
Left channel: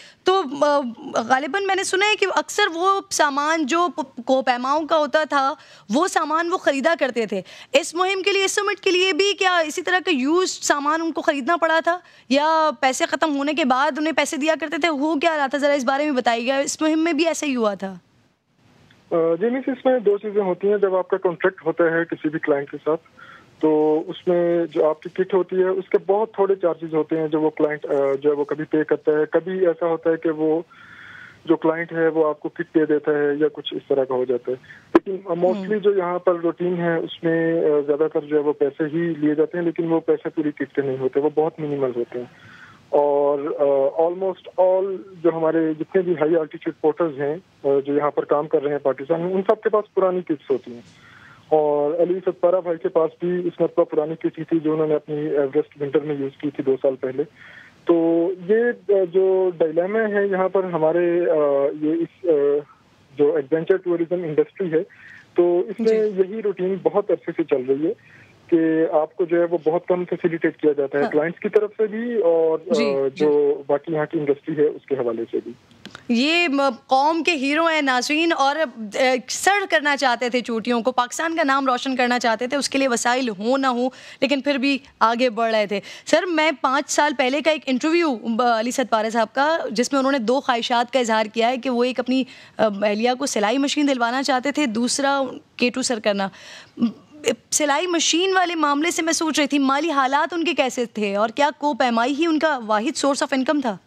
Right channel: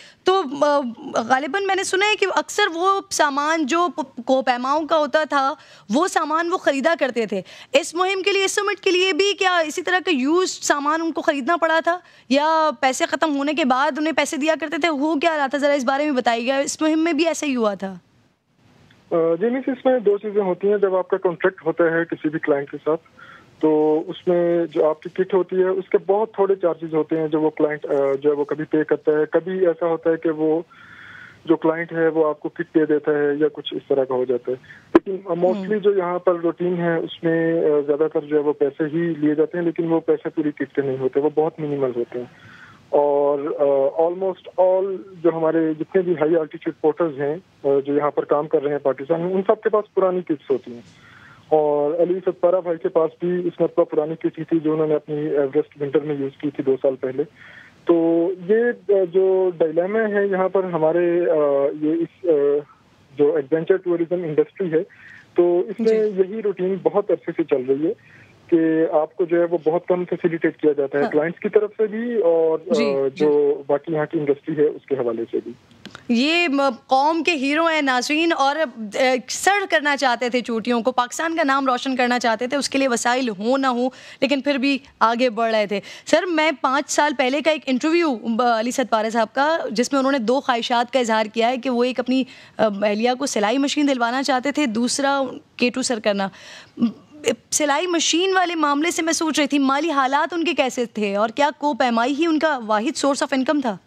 गालिबन मैंने सुना है कि अक्सर वो सामान जो कोपैमाओं का होता था वो सामान वो ख़रीदा करते थे। इस मुहिम के लिए, इस समिट के लिए भी क्या इसी तरह का यूज सामान उनको ख़रीदना पड़ा था, या पैसे ख़त्म होने के बाद उन्हें पैसे दिया करते थे? हो क्या रहा था, ज़रा इस बारे में बताइएगा। इस मुहिम में भी ऐसा ही हुआ था? जी मिस, इसमें 2 चीज़ें होती हैं। जब आपका कॉन्ट्रैक्ट होता है किसी भी क्लाइंट के साथ, तो उसमें जो आपकी किट होती है उसके बहुत थोड़े चार्जेस होते हैं जो वो क्लाइंट जो है वो कभी पे करता है। कभी ऐसा होता है कि वो जो क्लाइंट है वो आपको किट दे देता है या कुछ इस तरह का हो जाता है। लेकिन मोस्टली जो यहाँ पर रूटीन है उसमें ज़्यादातर जो है वो पैसे ही लिए जाते हैं, लेकिन वो पैसे पूरी किट के नहीं होते, वो बहुत मिनिमल होते हैं। और ऑलमोस्ट ऑल जो हमारे जितने भी हाई आल्टीट्यूड पोर्टर्स हैं जो यहाँ पर काम कर रहे हैं पाकिस्तान में, उन सब के पास पुरानी किट्स होती हैं। और अली सतपारा भाई के पास भी इस मरतबा पुरानी किट थी जो उन्होंने अपनी एवरेस्ट विंटर में यूज़ की थी 2 साल पहले। तो ये जो डायलेमा है यहाँ पर हमारे ये इस जो एडवेंचर टूरिज्म इंडस्ट्री है, तो इसमें यही रूटीन बहुत अच्छे से चल रही है कि आपको जो है वो बहुत कम फैसिलिटेट किया जाता है क्लाइंट्स की तरफ से भी और जो बाकी यहाँ की इंडस्ट्री है उसके हवाले से भी। ये कौम के हीरो हैं नाज़रीन, और सर्व करना चाहते थे चोटियों को, पाकिस्तान का नाम रोशन करना चाहते थे, उसके लिए वसाइल हो ना हो लेकिन फिर भी आगे बढ़ रहे थे। सर मैं 5 साल पहले का एक इंटरव्यू अली सतपारा साहब का, जिसमें उन्होंने 2 ख्वाहिशात का इजहार किया है कि वो एक अपनी अहलिया को सिलाई मशीन दिलवाना चाहते थे, दूसरा K2 सर करना। सिलाई मशीन वाले मामले से मैं सोच रही थी माली हालात उनके कैसे थे, और क्या कोपैमाई ही उनका वाहिद सोर्स ऑफ इनकम था?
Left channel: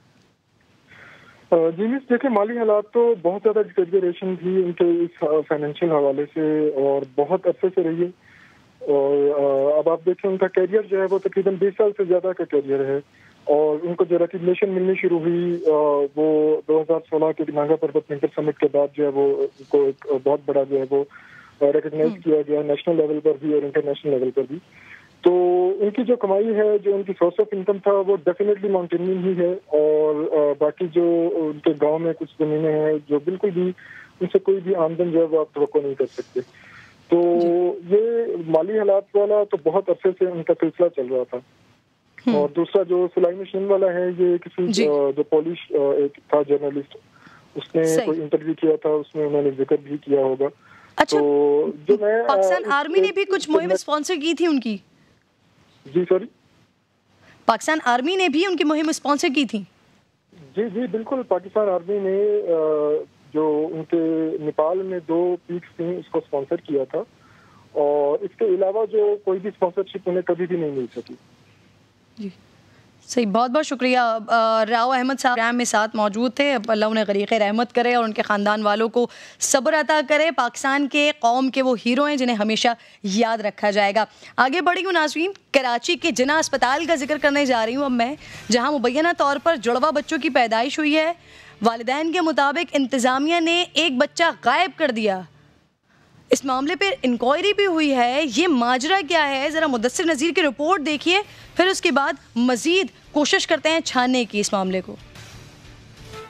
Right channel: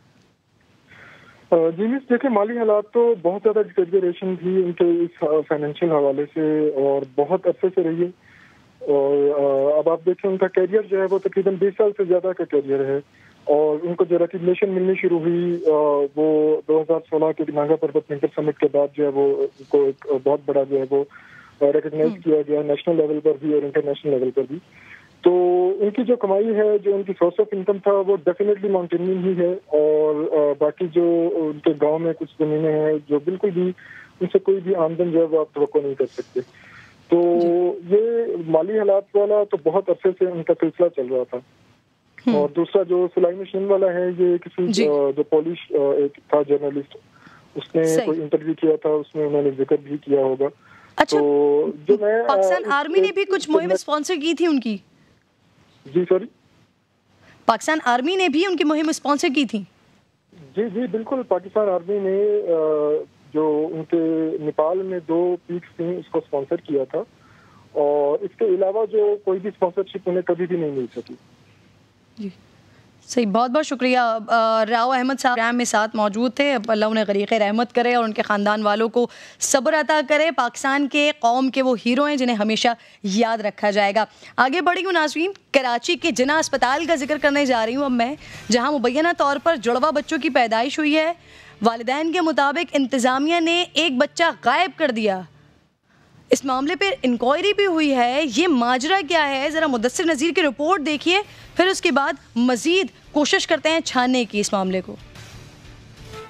जी मिस, देखिए माली हालात तो बहुत ज़्यादा डिटेरियोरेशन थी उनके इस फाइनेंशियल हवाले से और बहुत अच्छे से रही है। और अब आप देखें उनका कैरियर जो है वो तकरीबन 20 साल से ज़्यादा का कैरियर है। और उनको जो रिकग्निशन मिलनी शुरू हुई वो 2016 के नागा पर्वत विंटर समिट के बाद जो है वो उनको एक बहुत बड़ा जो है वो रिकग्नाइज किया गया नेशनल लेवल पर भी और इंटरनेशनल लेवल पर भी। तो उनकी जो कमाई है, जो उनकी सोर्स ऑफ इनकम था, वो डेफिनेटली माउंटेनिंग ही है। और बाकी जो उनके गांव में कुछ ज़मीनें हैं जो बिल्कुल भी उनसे कोई भी आमदन जो है वो आप तवक्को नहीं कर सकते। تو یہ مالی حالات والا تو بہت عرصے سے ان کا سلسلہ چل رہا تھا. اور دوسرا جو سلائی مشین والا ہے یہ کسی جو پولش ایک تھا جرنلسٹ, اس نے کوئی انٹرویو کیا تھا, اس میں انہوں نے ذکر بھی کیا ہوگا. اچھا, پاکستان آرمی نے بھی کچھ مہم اسپانسر کی تھی ان کی؟ جی سوری, پاکستان آرمی نے بھی ان کی مہم اسپانسر کی تھی؟ جی جی بالکل, پاکستان آرمی نے جو ان کے نیپال میں 2 پیکس تھیں اس کو اسپانسر کیا تھا, اور اس کے علاوہ جو کوئی بھی اسپانسرشپ انہیں کبھی بھی نہیں مل سکی. جی صحیح, بہت بہت شکریہ. راؤ احمد صاحب پروگرام میں ساتھ موجود تھے. اللہ انہیں غریق رحمت کرے اور ان کے خاندان والوں کو صبر عطا کرے. پاکستان کے قوم کے وہ ہیرو ہیں جنہیں ہمیشہ یاد رکھا جائے گا. آگے بڑھی ہوں ناظرین, کراچی کے جناح اسپتال کا ذکر کرنے جا رہی ہوں اب میں, جہاں مبینہ طور پر جڑواں بچوں کی پیدائش ہوئی ہے. والدین کے مطابق انتظامیہ نے ایک بچہ غائب کر دیا. اس معاملے پہ انکوائری بھی ہوئی ہے. یہ ماجرا کیا ہے, ذرا مدثر نذیر کی رپورٹ دیکھیے, پھر اس کے بعد مزید کوشش کرتے ہیں چھاننے کی اس معاملے کو.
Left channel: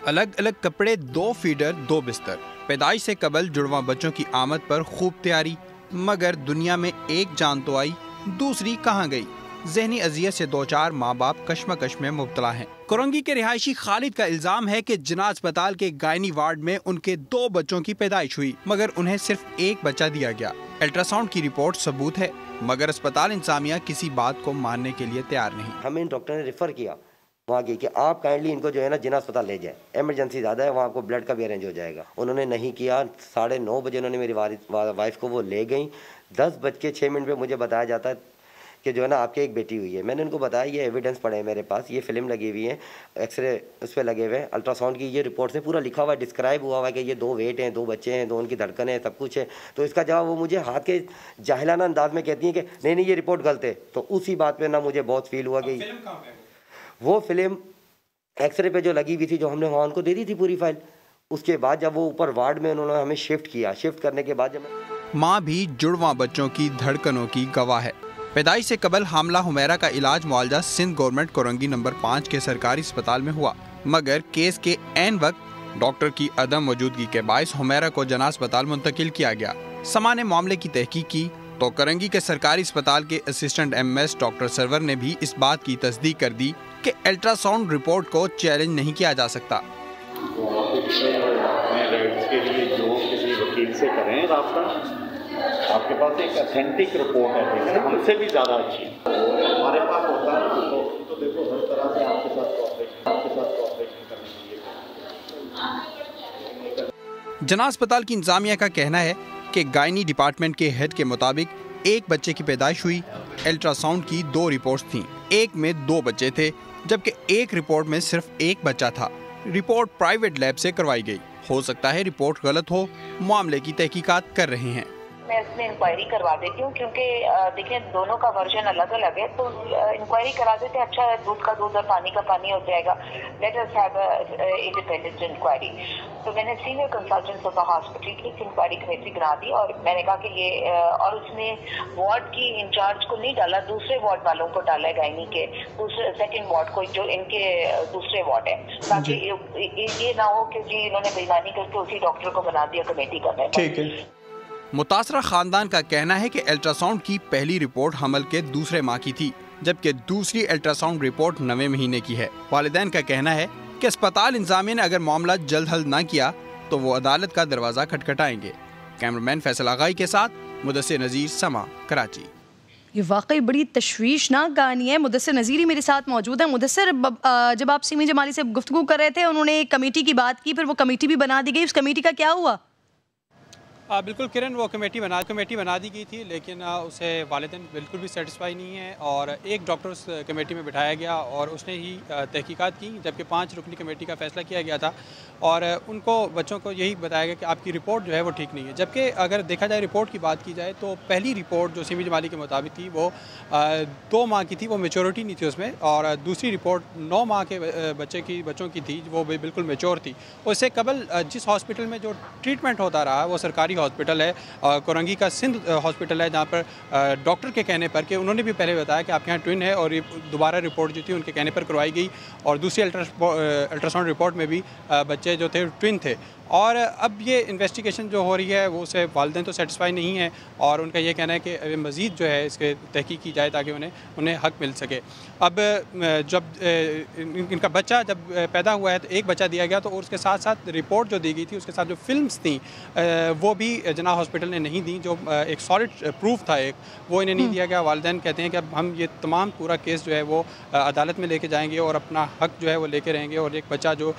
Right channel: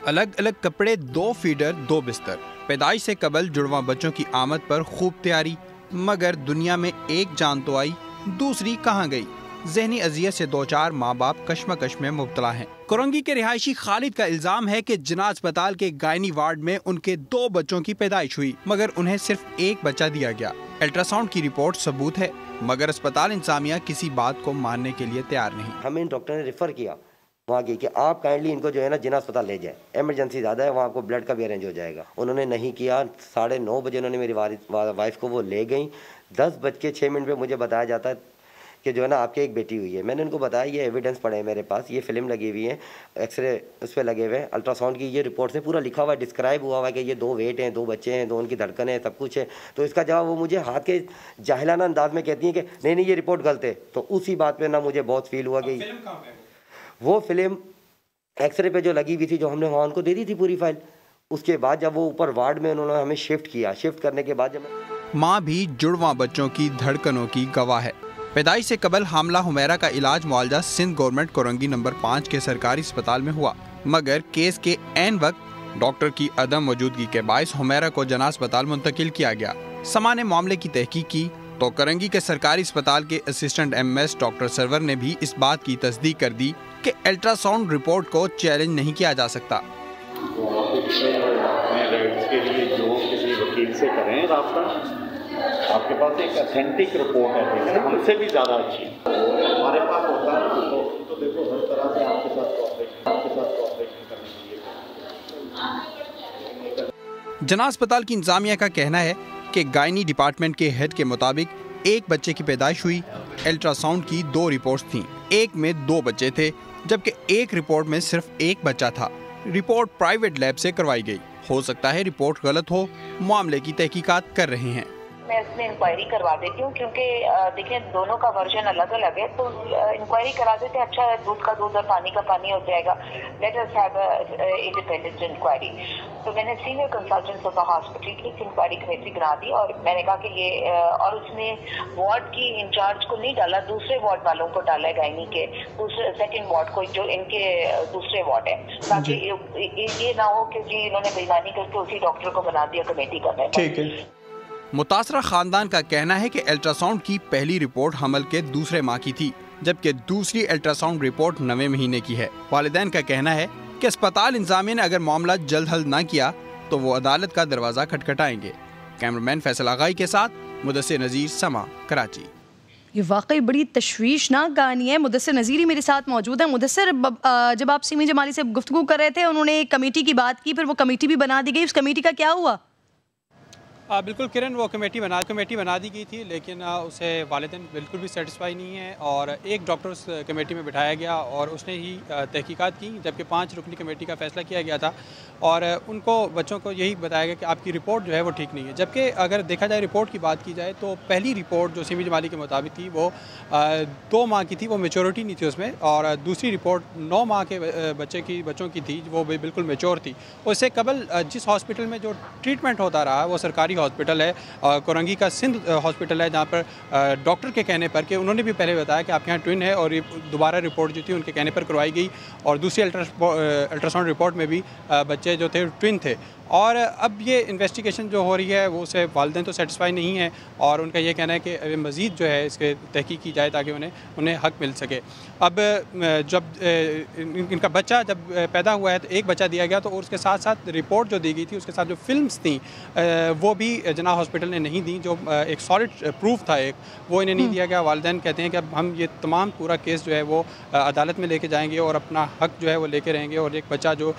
الگ الگ کپڑے, 2 فیڈر 2 بستر. پیدائش سے قبل جڑواں بچوں کی آمد پر خوب تیاری, مگر دنیا میں ایک جان تو آئی, دوسری کہاں گئی. ذہنی اذیت سے 2-4 ماں باپ کشمکش میں مبتلا ہیں. کرنگی کے رہائشی خالد کا الزام ہے کہ جناح اسپتال کے گائنی وارڈ میں ان کے 2 بچوں کی پیدائش ہوئی, مگر انہیں صرف ایک بچہ دیا گیا. الٹرا ساؤنڈ کی رپورٹ ثبوت ہے, مگر اسپتال انتظامیہ کسی بات کو ماننے کے لیے تیار نہیں. ہمیں ڈاکٹر نے ریفر کیا وہاں کی کہ آپ کائنڈلی ان کو جو ہے نا جناح اسپتال لے جائیں, ایمرجنسی زیادہ ہے, وہاں آپ کو بلڈ کا بھی ارینج ہو جائے گا. انہوں نے نہیں کیا. 9:30 بجے انہوں نے میری وائف کو وہ لے گئیں. 10:06 پہ مجھے بتایا جاتا ہے کہ جو ہے نا آپ کی ایک بیٹی ہوئی ہے. میں نے ان کو بتایا یہ ایویڈنس پڑے ہیں میرے پاس, یہ فلم لگی ہوئی ہے, ایکس رے اس پہ لگے ہوئے ہیں, الٹرا ساؤنڈ کی یہ رپورٹ سے پورا لکھا ہوا ہے, ڈسکرائب ہوا ہوا ہے کہ یہ 2 ویٹ ہیں, 2 بچے ہیں, 2 ان کی دھڑکن ہے, سب کچھ ہے. تو اس کا جواب وہ مجھے ہاتھ کے جاہلانہ انداز میں کہتی ہیں کہ نہیں یہ رپورٹ غلط ہے. تو اسی بات پہ نا مجھے بہت فیل ہوا کہ وہ فلم ایکس رے پہ جو لگی ہوئی تھی, جو ہم نے وہاں ان کو دے دی تھی پوری فائل. اس کے بعد جب وہ اوپر وارڈ میں انہوں نے ہمیں شفٹ کیا, شفٹ کرنے کے بعد جب ماں بھی جڑواں بچوں کی دھڑکنوں کی گواہ ہے. پیدائش سے قبل حاملہ حمیرہ کا علاج معالجہ سندھ گورنمنٹ کرنگی نمبر 5 کے سرکاری اسپتال میں ہوا, مگر کیس کے عین وقت ڈاکٹر کی عدم موجودگی کے باعث حمیرہ کو جناح اسپتال منتقل کیا گیا. سما نے معاملے کی تحقیق کی تو کرنگی کے سرکاری اسپتال کے اسسٹنٹ MS ڈاکٹر سرور نے بھی اس بات کی تصدیق کر دی کہ الٹرا ساؤنڈ رپورٹ کو چیلنج نہیں کیا جا سکتا. کے لیے جو کسی وکیل سے کریں رابطہ, آپ کے پاس ایک اتھینٹک رپورٹ ہے, ہم سے بھی زیادہ اچھی ہمارے پاس ہوتا ہے تو دیکھو ہر طرح سے آپ کے ساتھ کوآپریشن کرنے کے لیے. جناح اسپتال کی انتظامیہ کا کہنا ہے کہ گائنی ڈپارٹمنٹ کے ہیڈ کے مطابق ایک بچے کی پیدائش ہوئی. الٹرا ساؤنڈ کی 2 رپورٹس تھیں, ایک میں 2 بچے تھے جبکہ ایک رپورٹ میں صرف ایک بچہ تھا. رپورٹ پرائیویٹ لیب سے کروائی گئی. ہو سکتا ہے رپورٹ غلط ہو, معاملے کی تحقیقات کر رہے ہیں. میں اس میں انکوائری کروا دیتی ہوں, کیونکہ دیکھیں دونوں کا ورژن الگ الگ ہے, تو انکوائری کرا دیتے ہیں. اچھا دودھ کا دودھ اور پانی کا پانی ہو جائے گا. Let us have independent inquiry. تو میں نے سینئر کنسلٹنٹ آف ہاسپٹل کی انکوائری کمیٹی بنا دی, اور میں نے کہا کہ یہ, اور اس میں وارڈ کی انچارج کو نہیں ڈالا, دوسرے وارڈ والوں کو ڈالا ہے, گائنی کے دوسرے سیکنڈ وارڈ کو جو ان کے دوسرے وارڈ ہے, تاکہ یہ نہ ہو کہ جی انہوں نے بےایمانی کر کے اسی ڈاکٹر کو بنا دیا کمیٹی کرنے. ٹھیک ہے. متاثرہ خاندان کا کہنا ہے کہ الٹرا ساؤنڈ کی پہلی رپورٹ حمل کے دوسرے ماہ کی تھی, جبکہ دوسری الٹرا ساؤنڈ رپورٹ 9ویں مہینے کی ہے. والدین کا کہنا ہے کہ اسپتال انتظامیہ نے اگر معاملہ جلد حل نہ کیا تو وہ عدالت کا دروازہ کھٹکھٹائیں گے. کیمرامین فیصل آغائی کے ساتھ مدثر نذیر, سما, کراچی. یہ واقعی بڑی تشویشناک کہانی ہے. مدثر نذیر ہی میرے ساتھ موجود ہیں. مدثر, جب آپ سیمی جمالی سے گفتگو کر رہے تھے, انہوں نے ایک کمیٹی کی بات کی, پھر وہ کمیٹی بھی بنا دی گئی, اس کمیٹی کا کیا ہوا؟ بالکل کرن, وہ کمیٹی بنا دی گئی تھی, لیکن اسے والدین بالکل بھی سیٹسفائی نہیں ہے, اور ایک ڈاکٹر اس کمیٹی میں بٹھایا گیا اور اس نے ہی تحقیقات کی, جبکہ 5 رکنی کمیٹی کا فیصلہ کیا گیا تھا, اور ان کو بچوں کو یہی بتایا گیا کہ آپ کی رپورٹ جو ہے وہ ٹھیک نہیں ہے. جبکہ اگر دیکھا جائے رپورٹ کی بات کی جائے تو پہلی رپورٹ جو سیمی جمالی کے مطابق تھی وہ 2 ماہ کی تھی, وہ میچورٹی نہیں تھی اس میں, اور دوسری رپورٹ 9 ماہ کے بچوں کی تھی, وہ بالکل میچور تھی. اس سے قبل جس ہاسپٹل میں جو ٹریٹمنٹ ہوتا رہا وہ سرکاری ہاسپٹل ہے, کرنگی کا سندھ ہاسپٹل ہے, جہاں پر ڈاکٹر کے کہنے پر, کہ انہوں نے بھی پہلے بتایا کہ آپ کے یہاں ٹوین ہے, اور دوبارہ رپورٹ جو تھی ان کے کہنے پر کروائی گئی, اور دوسری الٹرا ساؤنڈ رپورٹ میں بھی بچے جو تھے ٹوین تھے. اور اب یہ انویسٹیگیشن جو ہو رہی ہے وہ اسے والدین تو سیٹسفائی نہیں ہے اور ان کا یہ کہنا ہے کہ مزید جو ہے اس کے تحقیق کی جائے تاکہ انہیں حق مل سکے. اب جب ان کا بچہ جب پیدا ہوا ہے تو ایک بچہ دیا گیا، تو اس کے ساتھ ساتھ رپورٹ جو دی گئی تھی اس کے ساتھ جو فلمز تھیں وہ بھی جناح ہاسپٹل نے نہیں دیں، جو ایک سالڈ پروف تھا وہ انہیں نہیں دیا گیا. والدین کہتے ہیں کہ اب ہم یہ تمام پورا کیس جو ہے وہ عدالت میں لے کے جائیں گے اور اپنا حق جو ہے وہ لے کے رہیں گے، اور ایک بچہ جو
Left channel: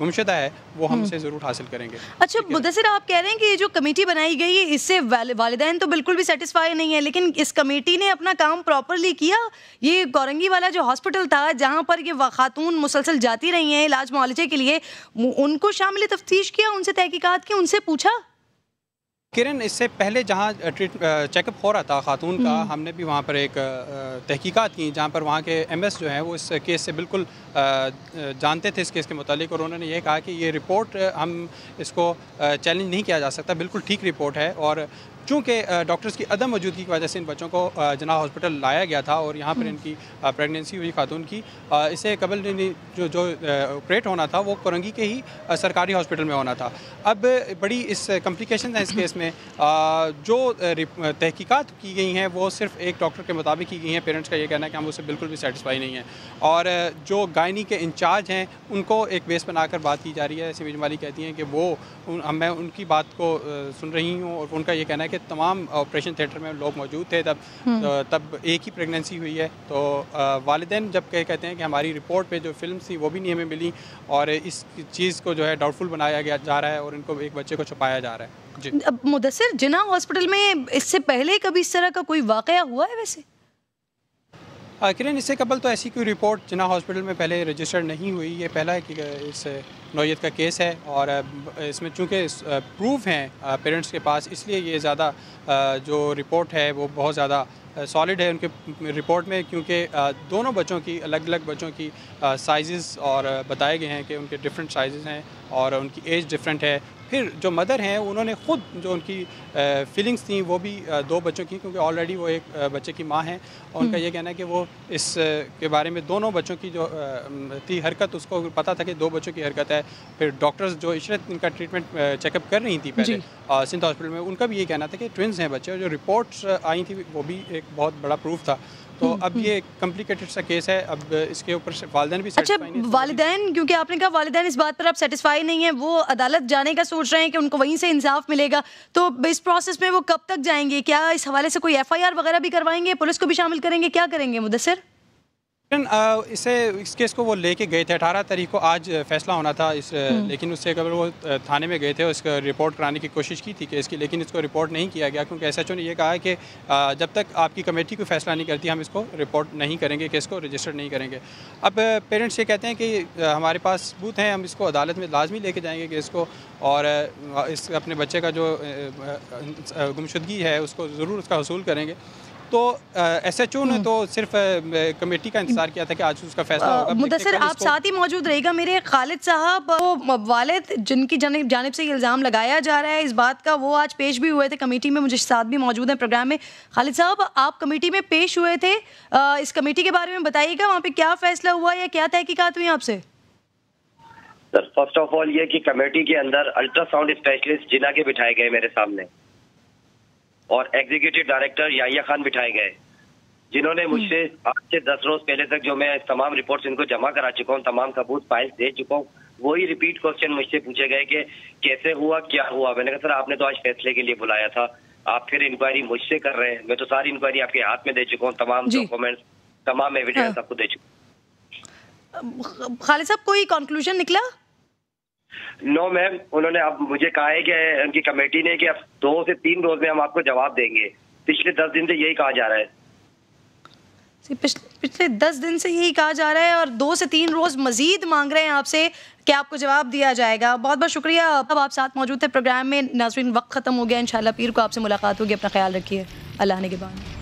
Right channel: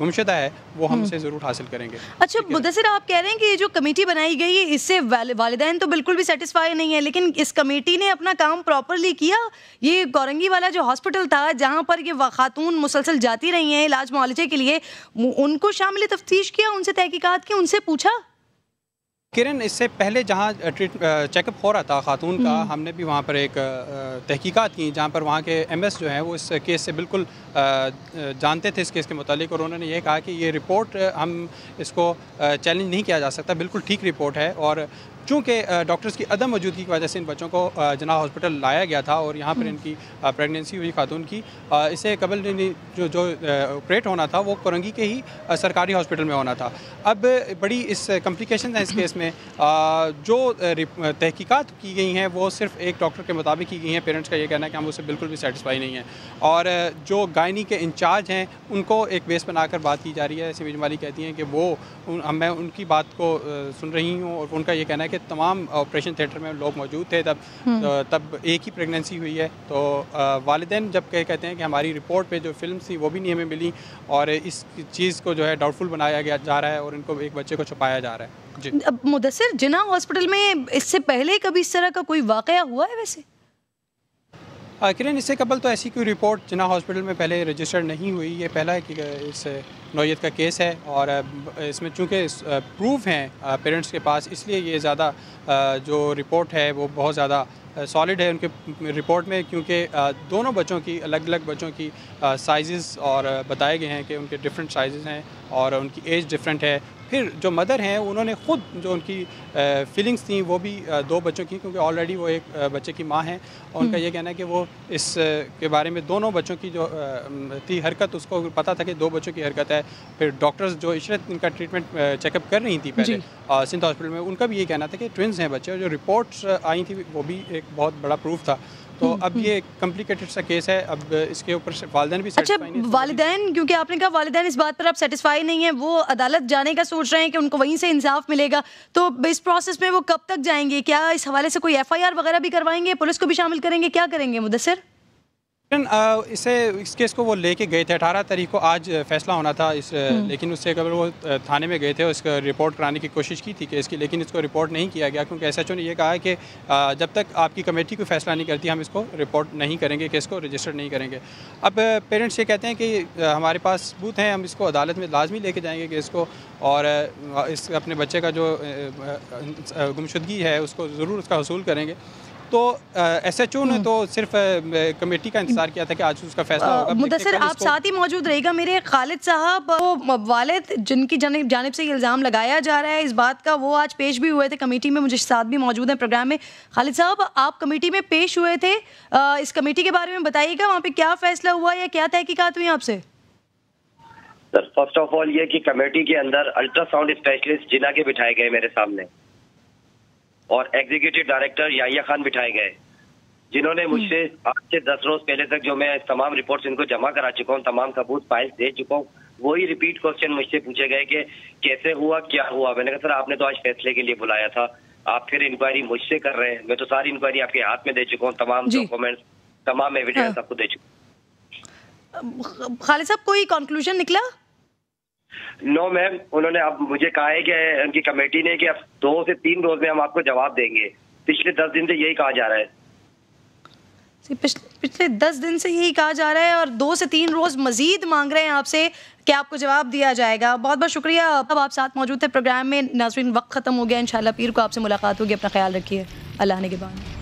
گمشدہ ہے وہ ہم اسے ضرور حاصل کریں گے. اچھا مدثر، آپ کہہ رہے ہیں کہ یہ جو کمیٹی بنائی گئی اس سے والدین تو بالکل بھی سیٹسفائی نہیں ہے، لیکن اس کمیٹی نے اپنا کام پراپرلی کیا؟ یہ کورنگی والا جو ہاسپٹل تھا جہاں پر یہ خاتون مسلسل جاتی رہی ہیں علاج معالجے کے لیے، ان کو شامل تفتیش کیا، ان سے تحقیقات کی، ان سے پوچھا؟ کرن، اس سے پہلے جہاں چیک اپ ہو رہا تھا خاتون کا، ہم نے بھی وہاں پر ایک تحقیقات کی جہاں پر وہاں کے ایم ایس جو ہیں وہ اس کیس سے بالکل جانتے تھے اس کیس کے متعلق، اور انہوں نے یہ کہا کہ یہ رپورٹ ہم اس کو چیلنج نہیں کیا جا سکتا، بالکل ٹھیک رپورٹ ہے. اور چونکہ ڈاکٹرز کی عدم موجودگی کی وجہ سے ان بچوں کو جناح ہاسپٹل لایا گیا تھا اور یہاں پر ان کی پریگنینسی ہوئی خاتون کی. اسے قبل جو آپریٹ ہونا تھا وہ کورنگی کے ہی سرکاری ہاسپٹل میں ہونا تھا. اب بڑی اس کمپلیکیشن ہیں اس کیس میں. جو تحقیقات کی گئی ہیں وہ صرف ایک ڈاکٹر کے مطابق کی گئی ہیں. پیرنٹس کا یہ کہنا ہے کہ ہم اسے بالکل بھی سیٹسفائی نہیں ہیں، اور جو گائنی کے انچارج ہیں ان کو ایک بیس بنا کر بات کی جا رہی ہے. سمیع جمالی کہتی ہیں کہ میں ان کی بات کو سن رہی ہوں، اور ان کا یہ کہنا ہے کہ تمام آپریشن تھیٹر میں لوگ موجود تھے تب ایک ہی پریگنینسی ہوئی ہے. تو والدین جب کہتے ہیں کہ ہماری رپورٹ پہ جو فلم تھی وہ بھی نہیں ہمیں ملی، اور اس چیز کو جو ہے ڈاؤٹ فل بنایا جا رہا ہے اور ان کو ایک بچے کو چھپایا جا رہا ہے. جی مدثر، جناح ہاسپٹل میں اس سے پہلے کبھی اس طرح کا کوئی واقعہ ہوا ہے؟ ویسے کرن، اس سے قبل تو ایسی کوئی رپورٹ جناح ہاسپٹل میں پہلے رجسٹرڈ نہیں ہوئی. یہ پہلا ہے کہ اس نوعیت کا کیس ہے، اور اس میں چونکہ پروف ہیں پیرنٹس کے پاس، اس لیے یہ زیادہ جو رپورٹ ہے وہ بہت زیادہ سالڈ ہے ان کے رپورٹ میں، کیونکہ دونوں بچوں کی الگ الگ بچوں کی سائزز اور بتائے گئے ہیں کہ ان کے ڈفرینٹ سائزز ہیں اور ان کی ایج ڈفرینٹ ہے. پھر جو مدر ہیں انہوں نے خود جو ان کی فیلنگز تھیں وہ بھی دو بچوں کی، کیونکہ آلریڈی وہ ایک بچے کی ماں ہیں، اور ان کا یہ کہنا ہے کہ وہ اس کے بارے میں دونوں بچوں کی جو تھی حرکت، اس کو پتہ تھا کہ دو بچوں کی حرکت ہے. پھر ڈاکٹرز جو عشرت ان کا ٹریٹمنٹ چیک اپ کر رہی تھی پہلے سندھ ہاسپٹل میں، ان کا بھی یہ کہنا تھا کہ ٹوئنز ہیں بچے، اور جو رپورٹس آئی تھی وہ بھی ایک بہت بڑا پروف تھا. تو اب یہ کمپلیکیٹڈ سا کیس ہے. اب اس کے اوپر سے والدین بھی سیٹسفائی نہیں. والدین، کیونکہ آپ نے کہا والدین اس بات پر اب سیٹسفائی نہیں ہیں، وہ عدالت جانے کا سوچ رہے ہیں کہ ان کو وہیں سے انصاف ملے گا، تو اس پروسیس میں وہ کب تک جائیں گے؟ کیا اس حوالے سے کوئی ایف آئی آر وغیرہ بھی کروائیں گے؟ پولیس کو بھی شامل کریں گے؟ کیا کریں گے مدثر؟ اس کیس کو وہ لے کے گئے تھے 18 تاریخ کو، آج فیصلہ ہونا تھا لیکن اس سے قبل وہ تھانے میں گئے تھے، اس کا رپورٹ کرانے کی کوشش کی تھی کیس کی، لیکن اس کو رپورٹ نہیں کیا گیا، کیونکہ ایس ایچ او نے یہ کہا ہے کہ جب تک آپ کی کمیٹی کوئی فیصلہ نہیں کرتی ہم اس کو رپورٹ نہیں کریں گے، کیس کو رجسٹر نہیں کریں گے. اب پیرنٹس یہ کہتے ہیں کہ ہمارے پاس ثبوت ہیں، ہم اس کو عدالت میں لازمی لے کے جائیں گے کیس کو، اور اس اپنے بچے کا جو گمشدگی ہے اس کو ضرور اس کا حصول کریں گے. تو ایس ایچ او نے تو صرف کمیٹی کا انتظار کیا تھا کہ آج اس کا فیصلہ ہوگا. مدثر، آپ ساتھ ہی موجود رہے گا. میرے خالد صاحب، وہ والد جن کی جانب سے یہ الزام لگایا جا رہا ہے اس بات کا، وہ آج پیش بھی ہوئے تھے کمیٹی میں، مجھے ساتھ بھی موجود ہیں پروگرام میں. خالد صاحب، آپ کمیٹی میں پیش ہوئے تھے، اس کمیٹی کے بارے میں بتائیے گا، وہاں پہ کیا فیصلہ ہوا یا کیا تحقیقات ہوئی آپ سے؟ سر، فرسٹ آف آل یہ کہ کمیٹی کے اندر الٹرا ساؤنڈ اسپیشلسٹ جناح کے بٹھائے گئے میرے سامنے، اور ایگزیکٹو ڈائریکٹر یحییٰ خان بٹھائے گئے، جنہوں نے مجھ سے 8 سے 10 روز پہلے تک جو میں تمام رپورٹس ان کو جمع کرا چکا ہوں، تمام ثبوت فائل دے چکا ہوں، وہی ریپیٹ کوشچن مجھ سے پوچھے گئے کہ کیسے ہوا، کیا ہوا. میں نے کہا سر آپ نے تو آج فیصلے کے لیے بلایا تھا، آپ پھر انکوائری مجھ سے کر رہے ہیں. میں تو ساری انکوائری آپ کے ہاتھ میں دے چکا ہوں، تمام ڈاکومنٹس، تمام ایویڈنس آپ کو دے چکا ہوں. خالد صاحب، کوئی کنکلوژن نکلا؟ نو میم، انہوں نے اب مجھے کہا ہے کہ ان کی کمیٹی نے کہ اب 2 سے 3 روز میں ہم آپ کو جواب دیں گے. پچھلے 10 دن سے یہی کہا جا رہا ہے. پچھلے 10 دن سے یہی کہا جا رہا ہے، اور 2 سے 3 روز مزید مانگ رہے ہیں آپ سے کہ آپ کو جواب دیا جائے گا. بہت بہت شکریہ. اب آپ ساتھ موجود تھے پروگرام میں. ناظرین، وقت ختم ہو گیا، انشاءاللہ پیر کو آپ سے ملاقات ہوگی. اپنا خیال رکھیے. اللہ نگہبان.